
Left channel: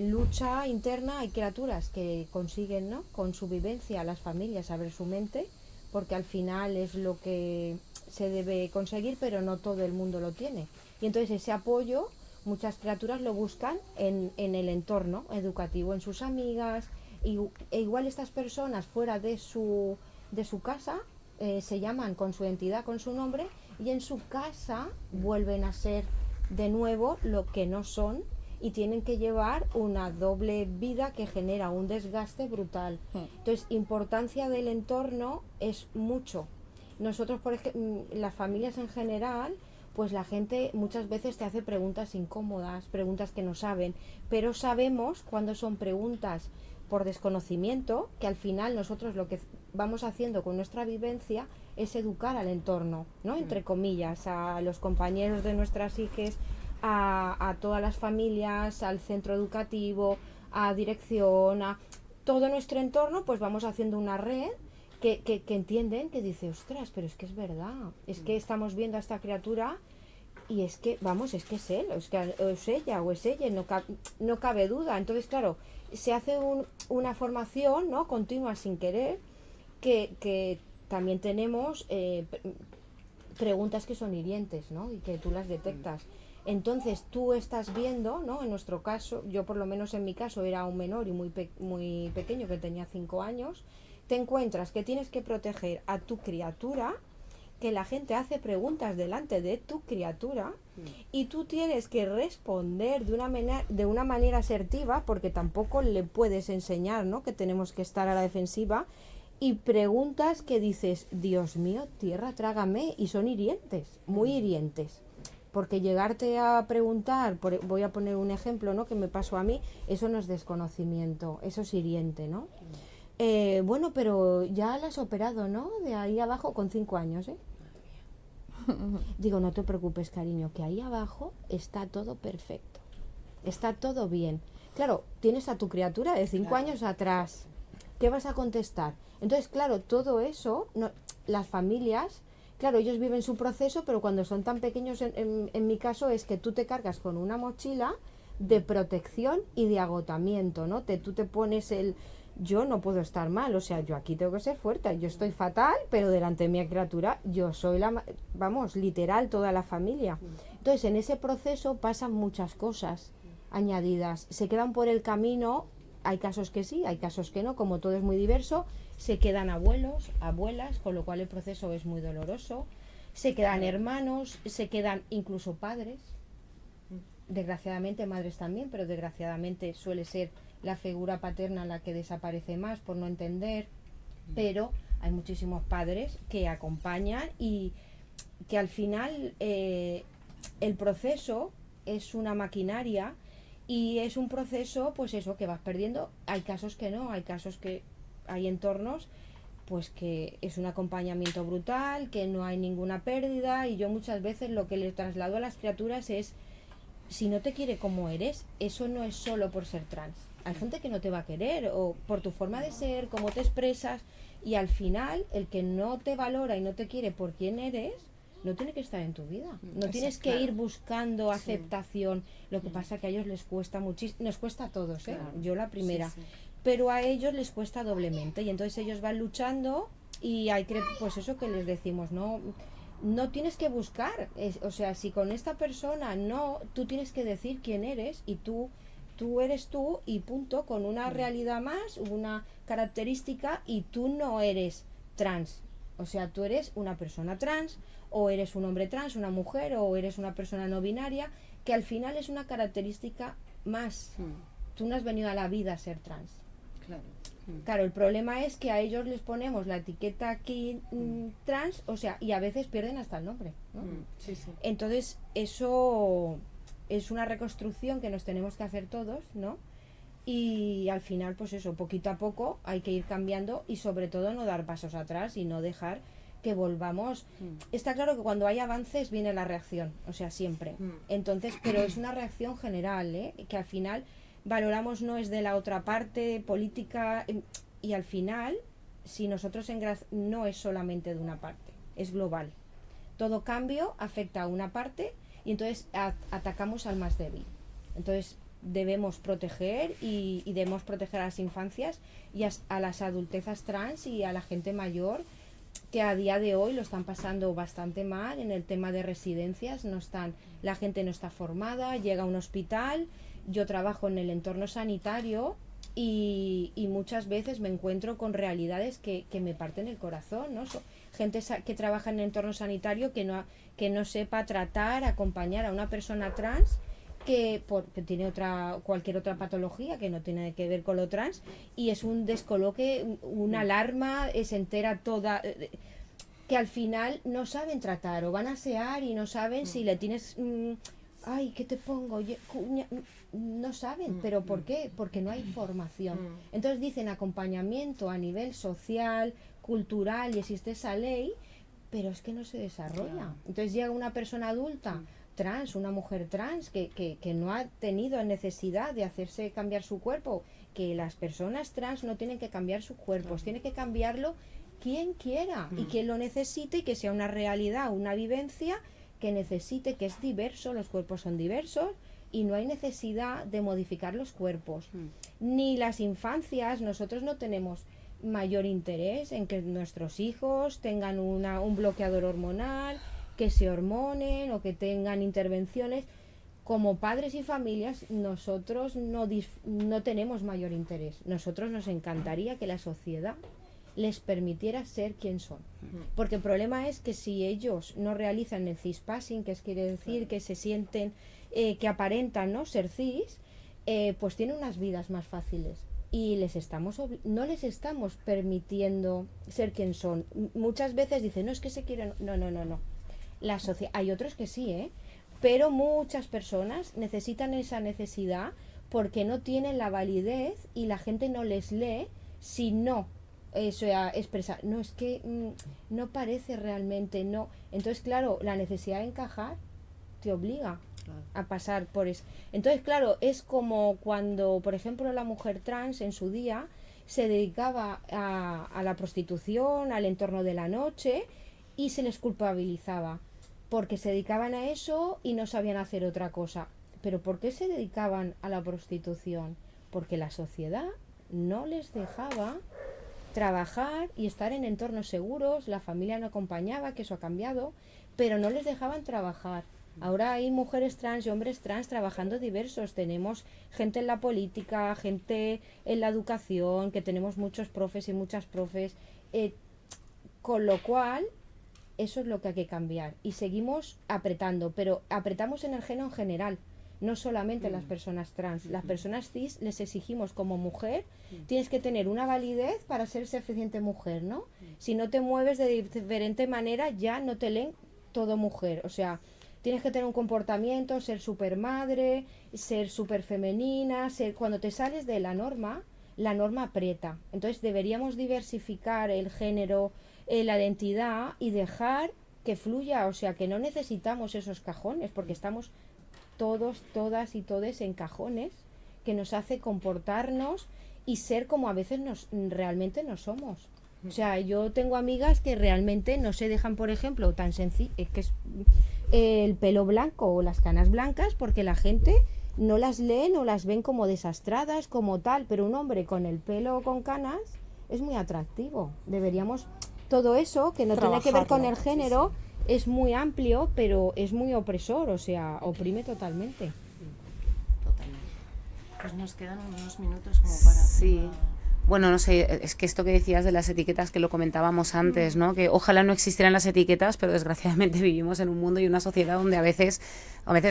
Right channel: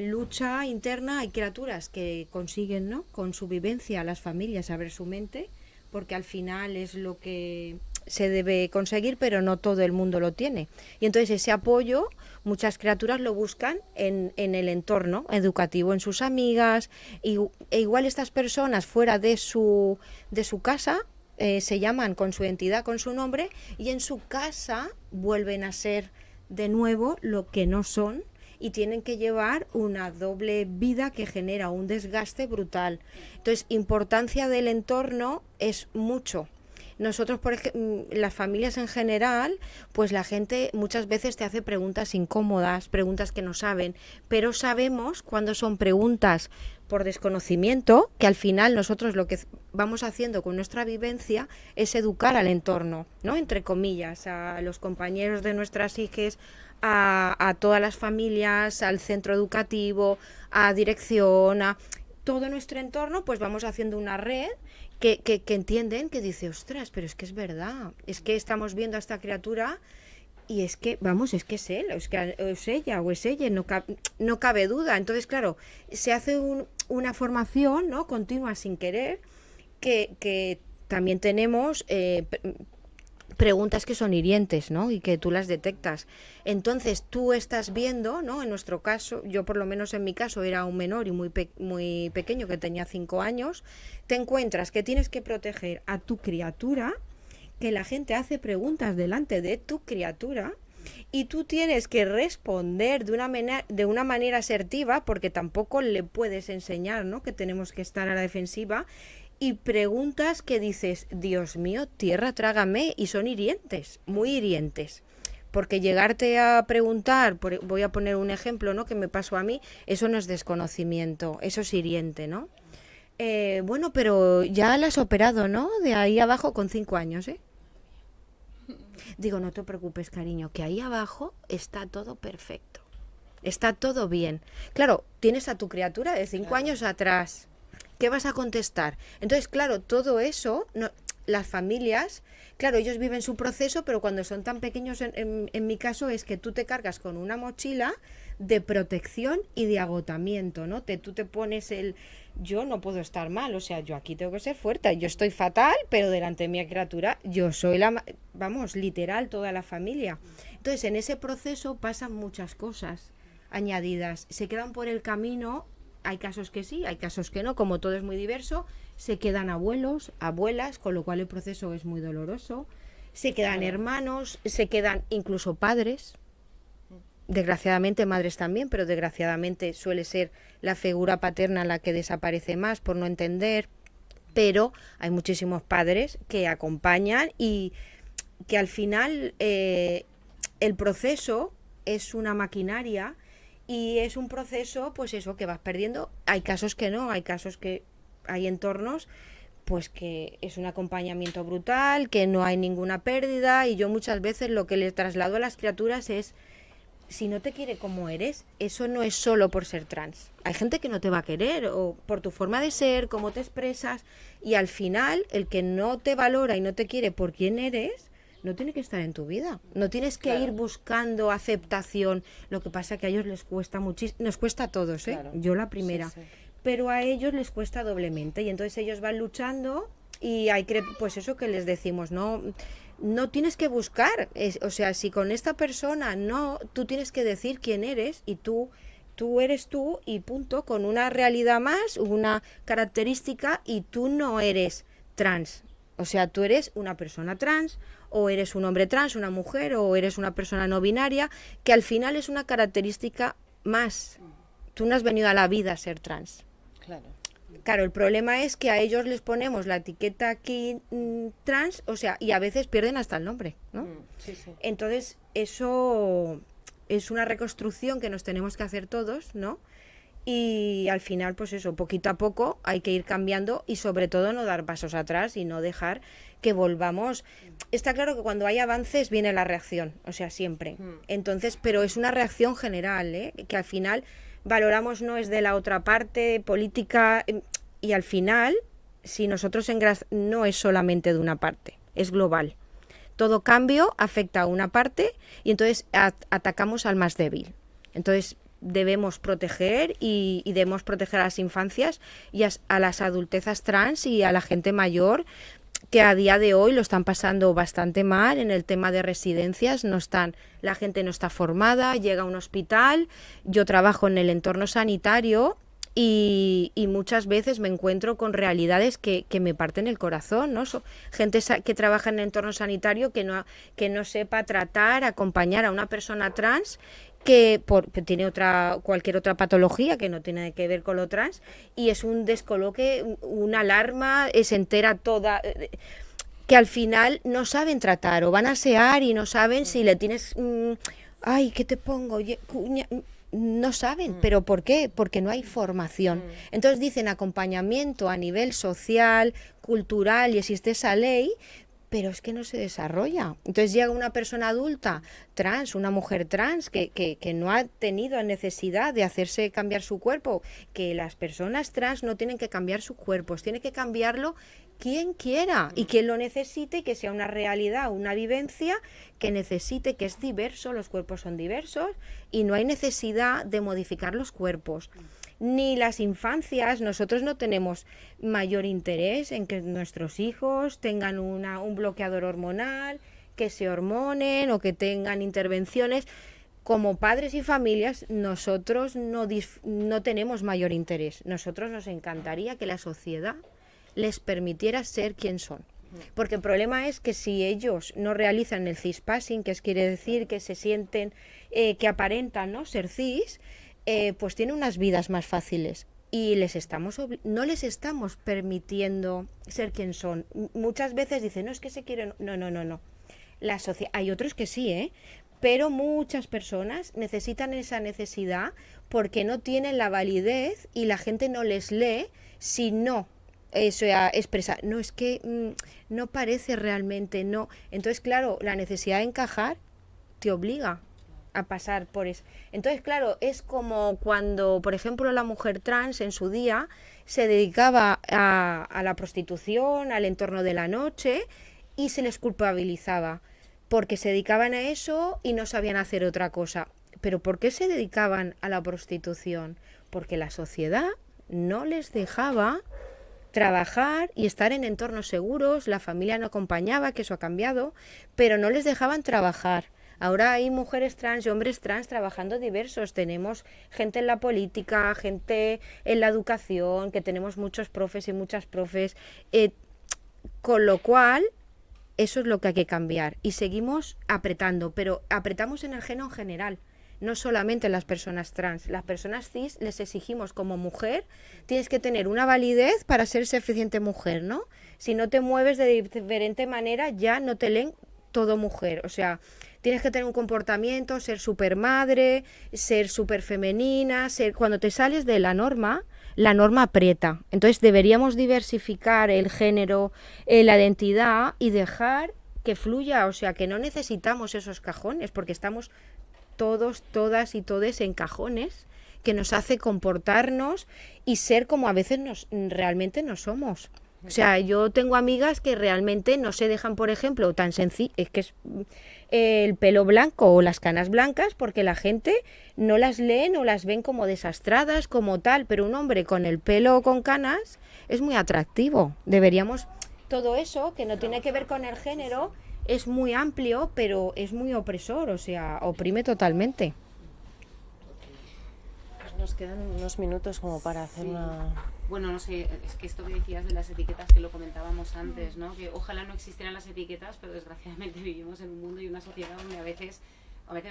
lucha interna. Hay criaturas que consiguen, ¿no?, con su vivencia, las familias, abrir su mente, porque al final es lo que se debe conseguir, pero no todo el mundo lo tiene. Y entonces ese apoyo, muchas criaturas lo buscan en el entorno educativo, en sus amigas, e igual estas personas fuera de su casa se llaman con su entidad, con su nombre, y en su casa vuelven a ser de nuevo lo que no son, y tienen que llevar una doble vida que genera un desgaste brutal. Entonces, importancia del entorno es mucho. Nosotros, por ejemplo, las familias en general, pues la gente muchas veces te hace preguntas incómodas, preguntas que no saben, pero sabemos cuando son preguntas por desconocimiento, que al final nosotros lo que vamos haciendo con nuestra vivencia es educar al entorno, ¿no?, entre comillas, a los compañeros de nuestras hijas, a todas las familias, al centro educativo, a dirección, a todo nuestro entorno, pues vamos haciendo una red que entienden, que dice, ostras, pero es que es verdad, es que estamos viendo a esta criatura y es que, vamos, es que es él, es ella, no cabe duda. Entonces, claro, se hace una formación, ¿no?, continua, sin querer, que también tenemos preguntas que son hirientes, ¿no?, y que tú las detectas. Entonces tú estás viendo, ¿no?, en nuestro caso, yo por lo menos en mi caso era un menor y muy pequeño, que tenía 5 años, te encuentras que tienes que proteger a tu criatura, que la gente hace preguntas delante de tu criatura y tú tienes que responder de una manera asertiva, porque tampoco le puedes enseñar, ¿no?, que tenemos que estar a la defensiva, y preguntas que dices, Dios mío, tierra, trágame, y son hirientes, muy hirientes. Porque llegarte a preguntar, voy a poner un ejemplo, ¿no?, que me pasó a mí, eso no es desconocimiento, eso es hiriente, ¿no? Bueno, pero ya la has operado, ¿no?, de ahí abajo con 5 años, ¿eh? Digo, no te preocupes, cariño, que ahí abajo está todo perfecto, está todo bien. Claro, tienes a tu criatura de 5 años atrás, ¿Qué vas a contestar? Entonces, claro, todo eso, las familias, claro, ellos viven su proceso, pero cuando son tan pequeños, en mi caso, es que tú te cargas con una mochila de protección y de agotamiento, ¿no? Tú te pones yo no puedo estar mal, o sea, yo aquí tengo que ser fuerte, yo estoy fatal, pero delante de mi criatura, yo soy vamos, literal, toda la familia. Entonces, en ese proceso pasan muchas cosas añadidas, se quedan por el camino, hay casos que sí, hay casos que no, como todo es muy diverso, se quedan abuelos, abuelas, con lo cual el proceso es muy doloroso, se quedan hermanos, se quedan incluso padres, desgraciadamente madres también, pero desgraciadamente suele ser la figura paterna la que desaparece más por no entender, pero hay muchísimos padres que acompañan y que al final el proceso es una maquinaria y es un proceso, pues eso, que vas perdiendo. Hay casos que no, hay casos que hay entornos pues que es un acompañamiento brutal, que no hay ninguna pérdida, y yo muchas veces lo que les traslado a las criaturas es: si no te quiere como eres, eso no es solo por ser trans. Hay gente que no te va a querer, o por tu forma de ser, cómo te expresas, y al final el que no te valora y no te quiere por quién eres, no tiene que estar en tu vida. No tienes que ir buscando aceptación. Lo que pasa es que a ellos les cuesta muchísimo, nos cuesta a todos, Claro. yo la primera, pero a ellos les cuesta doblemente, y entonces ellos van luchando, y hay que, pues eso que les decimos, no tienes que buscar, o sea, si con esta persona no, tú tienes que decir quién eres, y tú eres tú y punto, con una realidad más, una característica, y tú no eres trans, o sea, tú eres una persona trans, o eres un hombre trans, una mujer, o eres una persona no binaria, que al final es una característica más. Tú no has venido a la vida a ser trans. Claro, el problema es que a ellos les ponemos la etiqueta aquí trans, o sea, y a veces pierden hasta el nombre, ¿no? Entonces, eso es una reconstrucción que nos tenemos que hacer todos, ¿no? Y al final, pues eso, poquito a poco hay que ir cambiando, y sobre todo no dar pasos atrás y no dejar que volvamos. Está claro que cuando hay avances viene la reacción, o sea, siempre. Entonces, pero es una reacción general, que al final valoramos, no es de la otra parte política, y al final, si nosotros no es solamente de una parte, es global. Todo cambio afecta a una parte, y entonces atacamos al más débil. Entonces debemos proteger, y debemos proteger a las infancias y a las adultezas trans y a la gente mayor, que a día de hoy lo están pasando bastante mal en el tema de residencias. La gente no está formada, llega a un hospital. Yo trabajo en el entorno sanitario y muchas veces me encuentro con realidades que me parten el corazón, ¿no? Gente que trabaja en el entorno sanitario que no sepa tratar, acompañar a una persona trans que tiene cualquier otra patología que no tiene que ver con lo trans, y es un descoloque, una alarma, se entera toda, que al final no saben tratar, o van a asear y no saben si le tienes, ay, ¿qué te pongo? No saben, ¿pero por qué? Porque no hay formación. Entonces dicen acompañamiento a nivel social, cultural, y existe esa ley, pero es que no se desarrolla. Entonces llega una persona adulta trans, una mujer trans, que no ha tenido necesidad de hacerse cambiar su cuerpo, que las personas trans no tienen que cambiar sus cuerpos, tiene que cambiarlo quien quiera, y quien lo necesite, y que sea una realidad, una vivencia que necesite, que es diverso, los cuerpos son diversos, y no hay necesidad de modificar los cuerpos. Ni las infancias, nosotros no tenemos mayor interés en que nuestros hijos tengan un bloqueador hormonal, que se hormonen o que tengan intervenciones. Como padres y familias, nosotros no tenemos mayor interés. Nosotros nos encantaría que la sociedad les permitiera ser quien son. Porque el problema es que si ellos no realizan el cispassing, que quiere decir que se sienten, que aparentan, ¿no?, ser cis, pues tienen unas vidas más fáciles, y no les estamos permitiendo ser quien son. Muchas veces dicen, no, es que se quieren. No. Hay otros que sí, pero muchas personas necesitan esa necesidad porque no tienen la validez, y la gente no les lee si no expresa, no, es que no parece realmente, no. Entonces, claro, la necesidad de encajar te obliga a pasar por eso. Entonces, claro, es como cuando, por ejemplo, la mujer trans en su día se dedicaba a la prostitución, al entorno de la noche, y se les culpabilizaba porque se dedicaban a eso y no sabían hacer otra cosa. ¿Pero por qué se dedicaban a la prostitución? Porque la sociedad no les dejaba trabajar y estar en entornos seguros, la familia no acompañaba, que eso ha cambiado, pero no les dejaban trabajar. Ahora hay mujeres trans y hombres trans trabajando diversos. Tenemos gente en la política, gente en la educación, que tenemos muchos profes y muchas profes. Con lo cual, eso es lo que hay que cambiar. Y seguimos apretando, pero apretamos en el género en general. No solamente en las personas trans. Las personas cis les exigimos como mujer, tienes que tener una validez para ser suficiente mujer, ¿no? Si no te mueves de diferente manera, ya no te leen todo mujer. O sea, tienes que tener un comportamiento, ser súper madre, ser súper femenina, cuando te sales de la norma aprieta. Entonces deberíamos diversificar el género, la identidad y dejar que fluya. O sea, que no necesitamos esos cajones, porque estamos todos, todas y todes en cajones que nos hace comportarnos y ser como a veces realmente no somos. O sea, yo tengo amigas que realmente no se dejan, por ejemplo, tan sencillo, es que es el pelo blanco o las canas blancas, porque la gente no las leen o las ven como desastradas, como tal, pero un hombre con el pelo con canas es muy atractivo. Deberíamos, todo eso, que no tiene que ver con el género, es muy amplio, pero es muy opresor, o sea, oprime totalmente. Pues nos quedan unos minutos como para hacer Bueno, no sé, es que esto que decías de las etiquetas, que lo comentábamos antes, ¿no? Que ojalá no existieran las etiquetas, pero desgraciadamente vivimos en un mundo y una sociedad donde a veces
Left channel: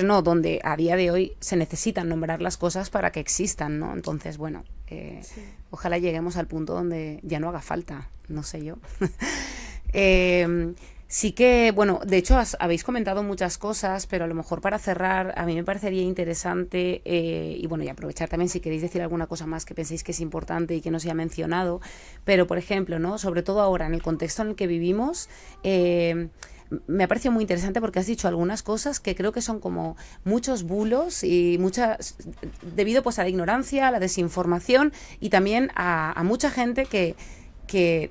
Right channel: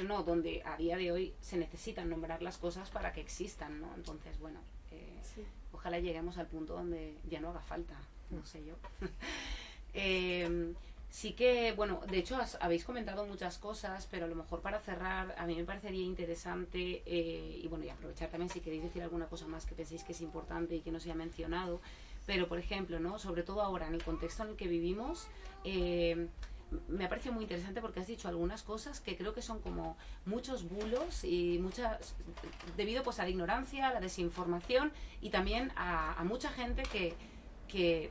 no, donde a día de hoy se necesitan nombrar las cosas para que existan, ¿no? Entonces, bueno, ojalá lleguemos al punto donde ya no haga falta, no sé yo. Sí que, bueno, de hecho habéis comentado muchas cosas, pero a lo mejor para cerrar, a mí me parecería interesante, y bueno, y aprovechar también si queréis decir alguna cosa más que penséis que es importante y que no se ha mencionado, pero por ejemplo, ¿no? Sobre todo ahora, en el contexto en el que vivimos, me ha parecido muy interesante porque has dicho algunas cosas que creo que son como muchos bulos y debido pues a la ignorancia, a la desinformación y también a mucha gente que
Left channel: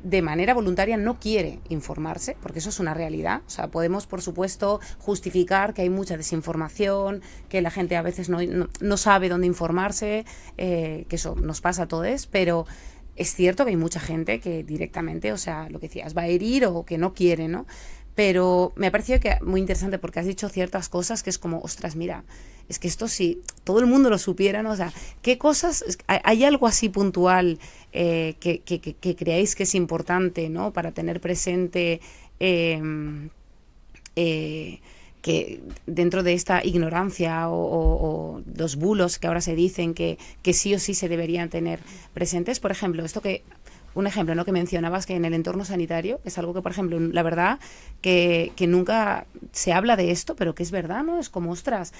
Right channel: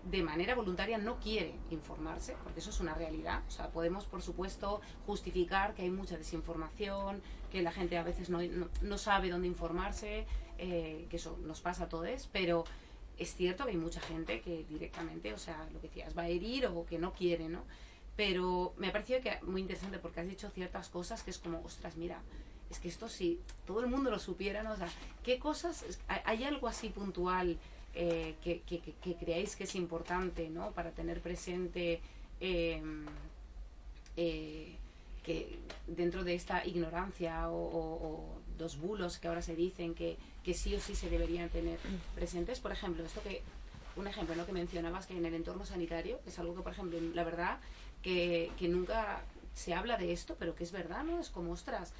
de manera voluntaria no quiere informarse, porque eso es una realidad. O sea, podemos, por supuesto, justificar que hay mucha desinformación, que la gente a veces no sabe dónde informarse, que eso nos pasa a todos, pero es cierto que hay mucha gente que directamente, o sea, lo que decías, va a herir o que no quiere, ¿no? Pero me ha parecido que muy interesante porque has dicho ciertas cosas que es como, ostras, mira, es que esto sí, todo el mundo lo supiera, ¿no? O sea, ¿qué cosas, hay algo así puntual que creáis que es importante, ¿no? Para tener presente que dentro de esta ignorancia o los bulos que ahora se dicen que sí o sí se deberían tener presentes. Por ejemplo, un ejemplo, ¿no? Que mencionabas que en el entorno sanitario es algo que, por ejemplo, la verdad que nunca se habla de esto, pero que es verdad, ¿no? Es como, ostras,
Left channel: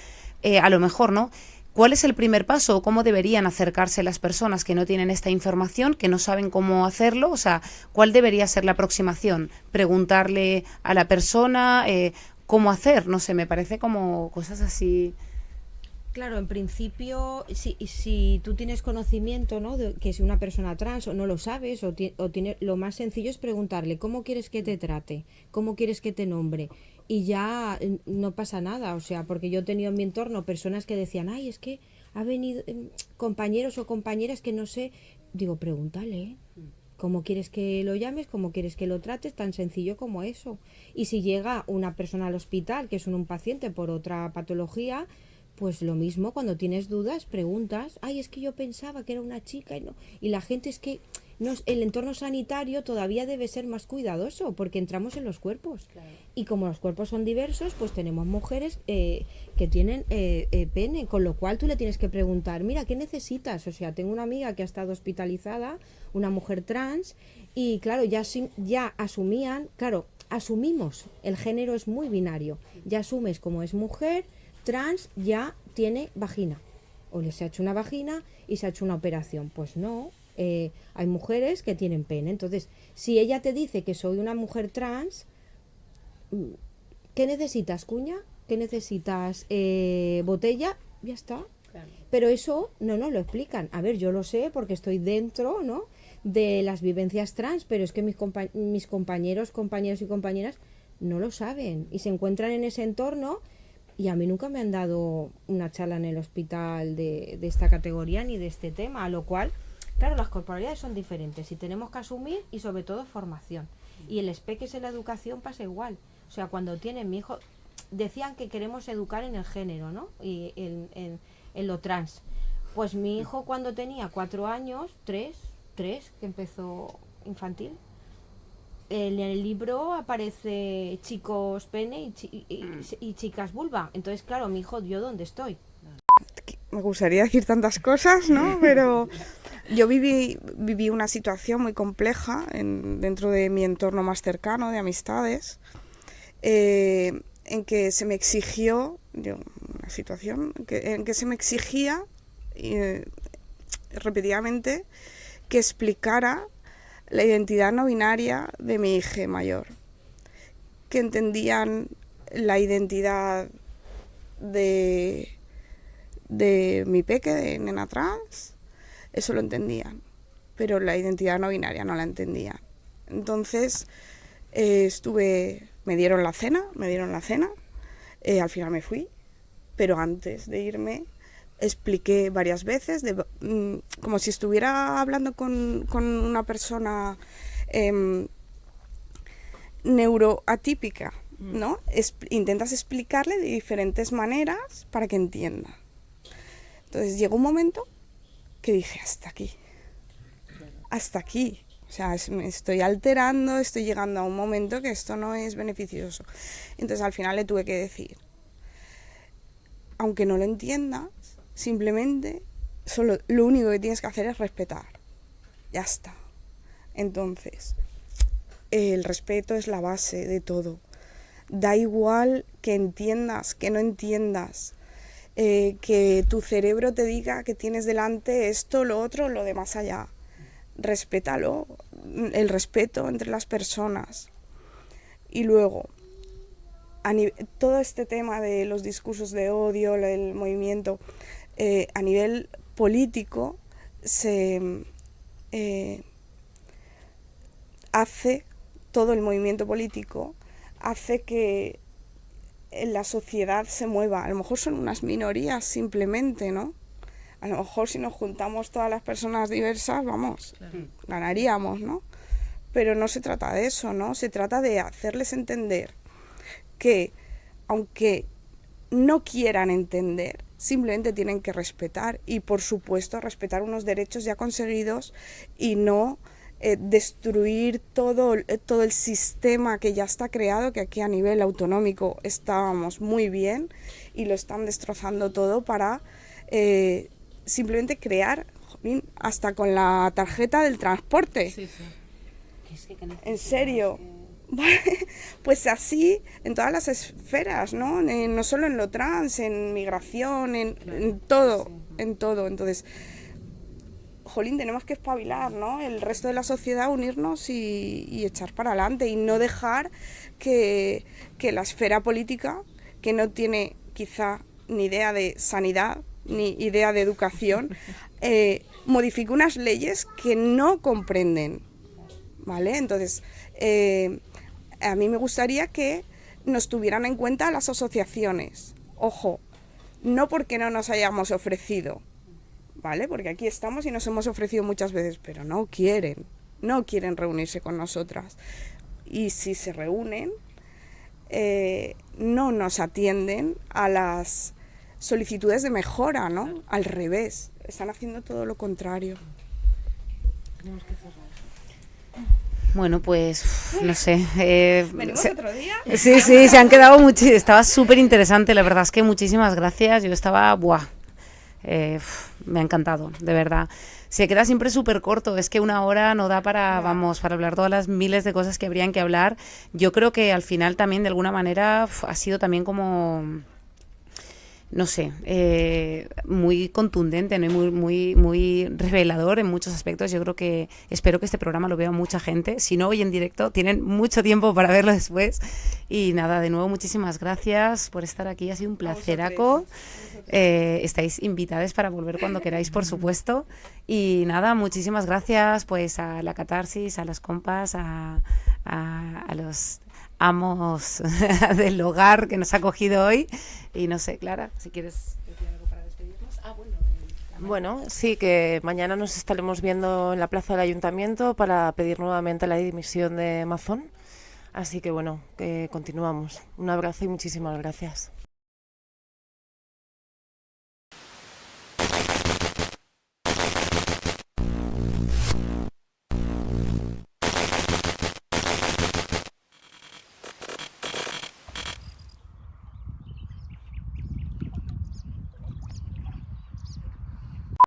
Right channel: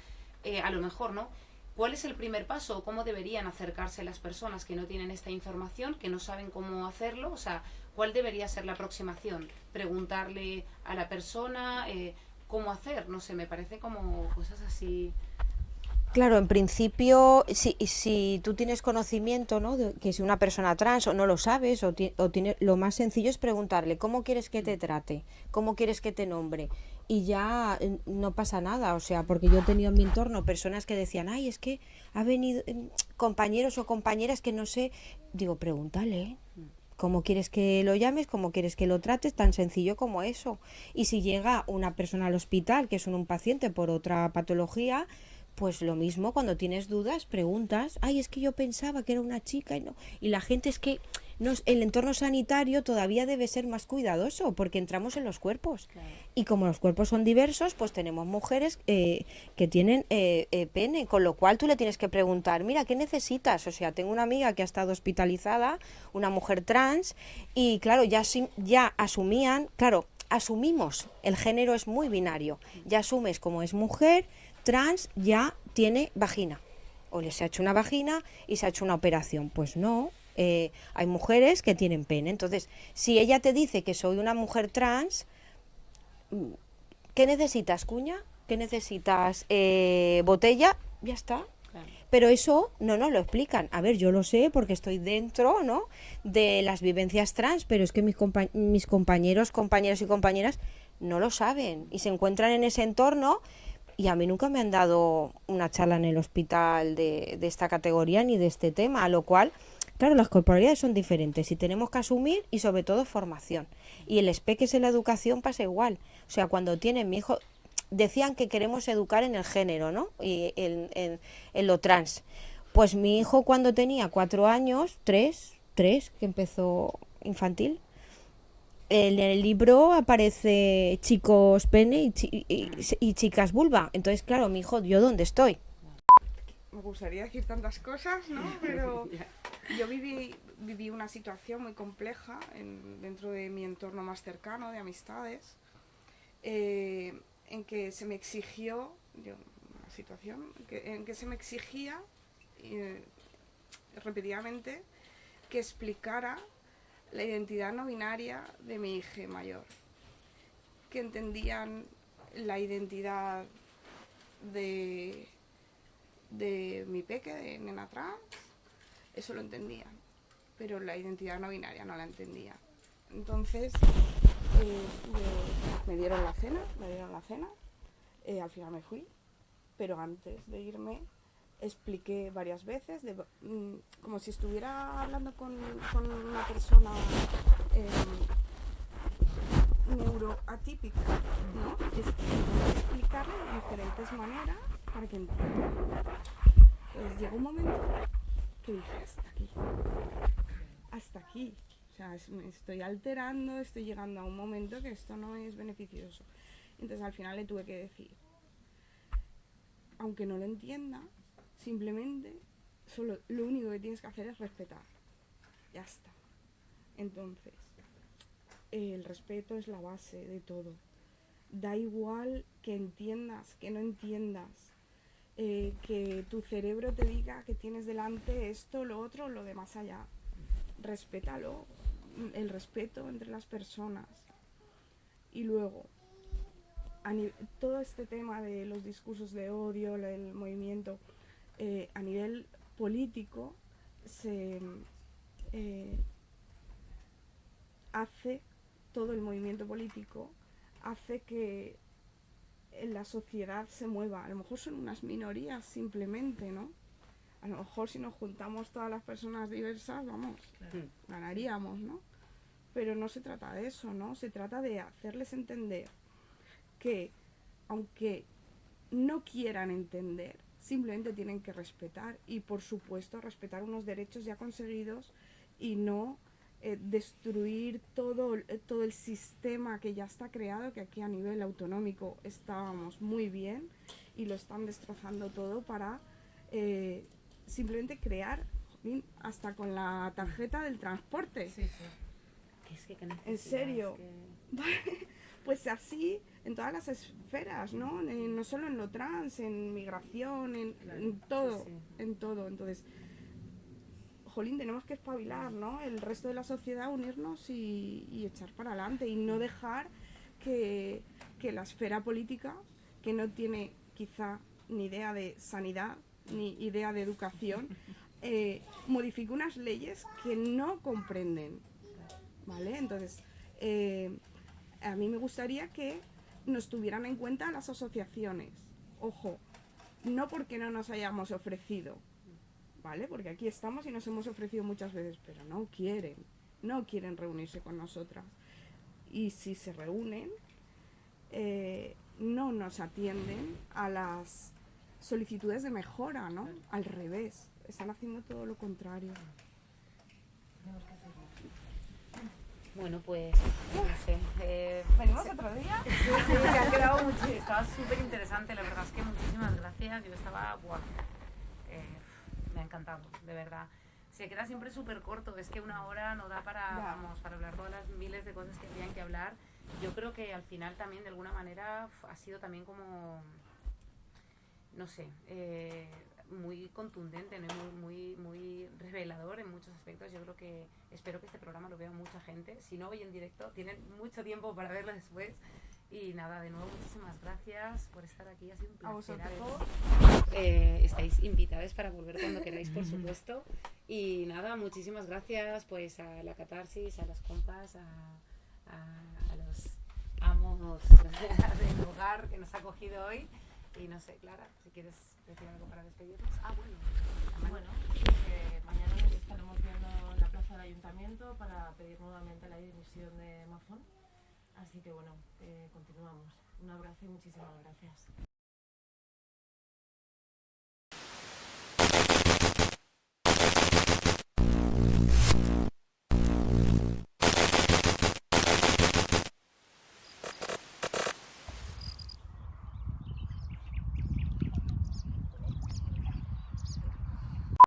a lo mejor, ¿no? ¿Cuál es el primer paso o cómo deberían acercarse las personas que no tienen esta información, que no saben cómo hacerlo? O sea, ¿cuál debería ser la aproximación? ¿Preguntarle a la persona cómo hacer? No sé, me parece como cosas así. Claro, en principio, si tú tienes conocimiento, ¿no? De que si una persona trans o no lo sabes, lo más sencillo es preguntarle cómo quieres que te trate, cómo quieres que te nombre, y ya no pasa nada. O sea, porque yo he tenido en mi entorno personas que decían, ay, es que ha venido compañeros o compañeras que no sé, digo, pregúntale, ¿cómo quieres que lo llames? ¿Cómo quieres que lo trates? Tan sencillo como eso. Y si llega una persona al hospital, que es un paciente por otra patología, pues lo mismo, cuando tienes dudas, preguntas, ay, es que yo pensaba que era una chica y no. Y la gente es que el entorno sanitario todavía debe ser más cuidadoso porque entramos en los cuerpos. Claro. Y como los cuerpos son diversos, pues tenemos mujeres que tienen pene, con lo cual tú le tienes que preguntar, mira, ¿qué necesitas? O sea, tengo una amiga que ha estado hospitalizada, una mujer trans, y claro, ya asumían, claro, asumimos, el género es muy binario, ya asumes como es mujer, trans, ya tiene vagina, o les ha hecho una vagina y se ha hecho una operación. Pues no, hay mujeres que tienen pene. Entonces, si ella te dice que soy una mujer trans, ¿qué necesitas, cuña? ¿Qué necesitas? ¿Botella? Ya está. Pero eso no nos lo explican. A ver, yo lo sé porque estoy dentro, ¿no?, de las vivencias trans, pero es que mis compañeros, compañeras y compañeras no lo saben y se encuentran en ese entorno, y a mí nunca me han dado una charla en el hospital de esta categoría ni de este tema, a lo cual, claro, las corporalidades son diferentes y tenemos que asumir, y sobre todo formación. Y el SPEC en la educación pasa igual. O sea, cuando tienen mi hijo, decían que queremos educar en el género, ¿no?, y en lo trans. Pues mi hijo, cuando tenía 4 años, 3, que empezó infantil, en el libro aparece chicos pene y chicas vulva. Entonces, claro, mi hijo, ¿yo dónde estoy? Me gustaría decir tantas cosas, ¿no? Pero yo viví una situación muy compleja dentro de mi entorno más cercano, de amistades, en que se me exigió, una situación en que se me exigía repetidamente que explicara la identidad no binaria de mi hija mayor, que entendían la identidad de mi peque, de nena trans, eso lo entendían, pero la identidad no binaria no la entendían. Entonces me dieron la cena, al final me fui, pero antes de irme expliqué varias veces, como si estuviera hablando con una persona neuroatípica, ¿no? Intentas explicarle de diferentes maneras para que entienda. Entonces llegó un momento que dije, hasta aquí. O sea, me estoy alterando, estoy llegando a un momento que esto no es beneficioso. Entonces al final le tuve que decir, aunque no lo entiendas, simplemente lo único que tienes que hacer es respetar. Ya está. Entonces, el respeto es la base de todo. Da igual que entiendas, que no entiendas, que tu cerebro te diga que tienes delante esto, lo otro, lo de más allá. Respétalo, el respeto entre las personas. Y luego, todo este tema de los discursos de odio, el movimiento, a nivel político, todo el movimiento político hace que la sociedad se mueva. A lo mejor son unas minorías simplemente, ¿no? A lo mejor si nos juntamos todas las personas diversas, vamos, claro, ganaríamos, ¿no? Pero no se trata de eso, ¿no? Se trata de hacerles entender que, aunque no quieran entender, simplemente tienen que respetar, y por supuesto respetar unos derechos ya conseguidos, y no destruir todo el sistema que ya está creado, que aquí a nivel autonómico estábamos muy bien y lo están destrozando todo para simplemente crear, hasta con la tarjeta del transporte. Sí, sí. En serio. Pues así en todas las esferas, ¿no? No solo en lo trans, en migración, en todo, en todo. Entonces, jolín, tenemos que espabilar, ¿no? El resto de la sociedad, unirnos y echar para adelante, y no dejar que la esfera política, que no tiene quizá ni idea de sanidad ni idea de educación, modifique unas leyes que no comprenden, ¿vale? Entonces, a mí me gustaría que nos tuvieran en cuenta las asociaciones. Ojo, no porque no nos hayamos ofrecido, ¿vale? Porque aquí estamos y nos hemos ofrecido muchas veces, pero no quieren reunirse con nosotras. Y si se reúnen, no nos atienden a las solicitudes de mejora, ¿no? Al revés, están haciendo todo lo contrario. Tenemos que cerrar. Bueno, pues no sé. ¿Venimos otro día? Sí, se han quedado muchísimo. Estaba súper interesante, la verdad es que muchísimas gracias. Yo estaba, me ha encantado, de verdad. Se queda siempre súper corto, es que una hora no da para hablar todas las miles de cosas que habrían que hablar. Yo creo que al final también, de alguna manera, ha sido también como no sé, muy contundente, ¿no? Y muy revelador en muchos aspectos. Yo creo que espero que este programa lo vea mucha gente. Si no hoy en directo, tienen mucho tiempo para verlo después. Y nada, de nuevo muchísimas gracias por estar aquí. Ha sido un placeraco. Estáis invitadas para volver cuando queráis, por supuesto. Y nada, muchísimas gracias pues a la Catarsis, a las compas, a los amos del hogar que nos ha acogido hoy. Y no sé, Clara, si quieres decir algo para despedirnos. Bueno, sí, que mañana nos estaremos viendo en la plaza del Ayuntamiento para pedir nuevamente la dimisión de Mazón. Así que bueno, que continuamos. Un abrazo y muchísimas gracias.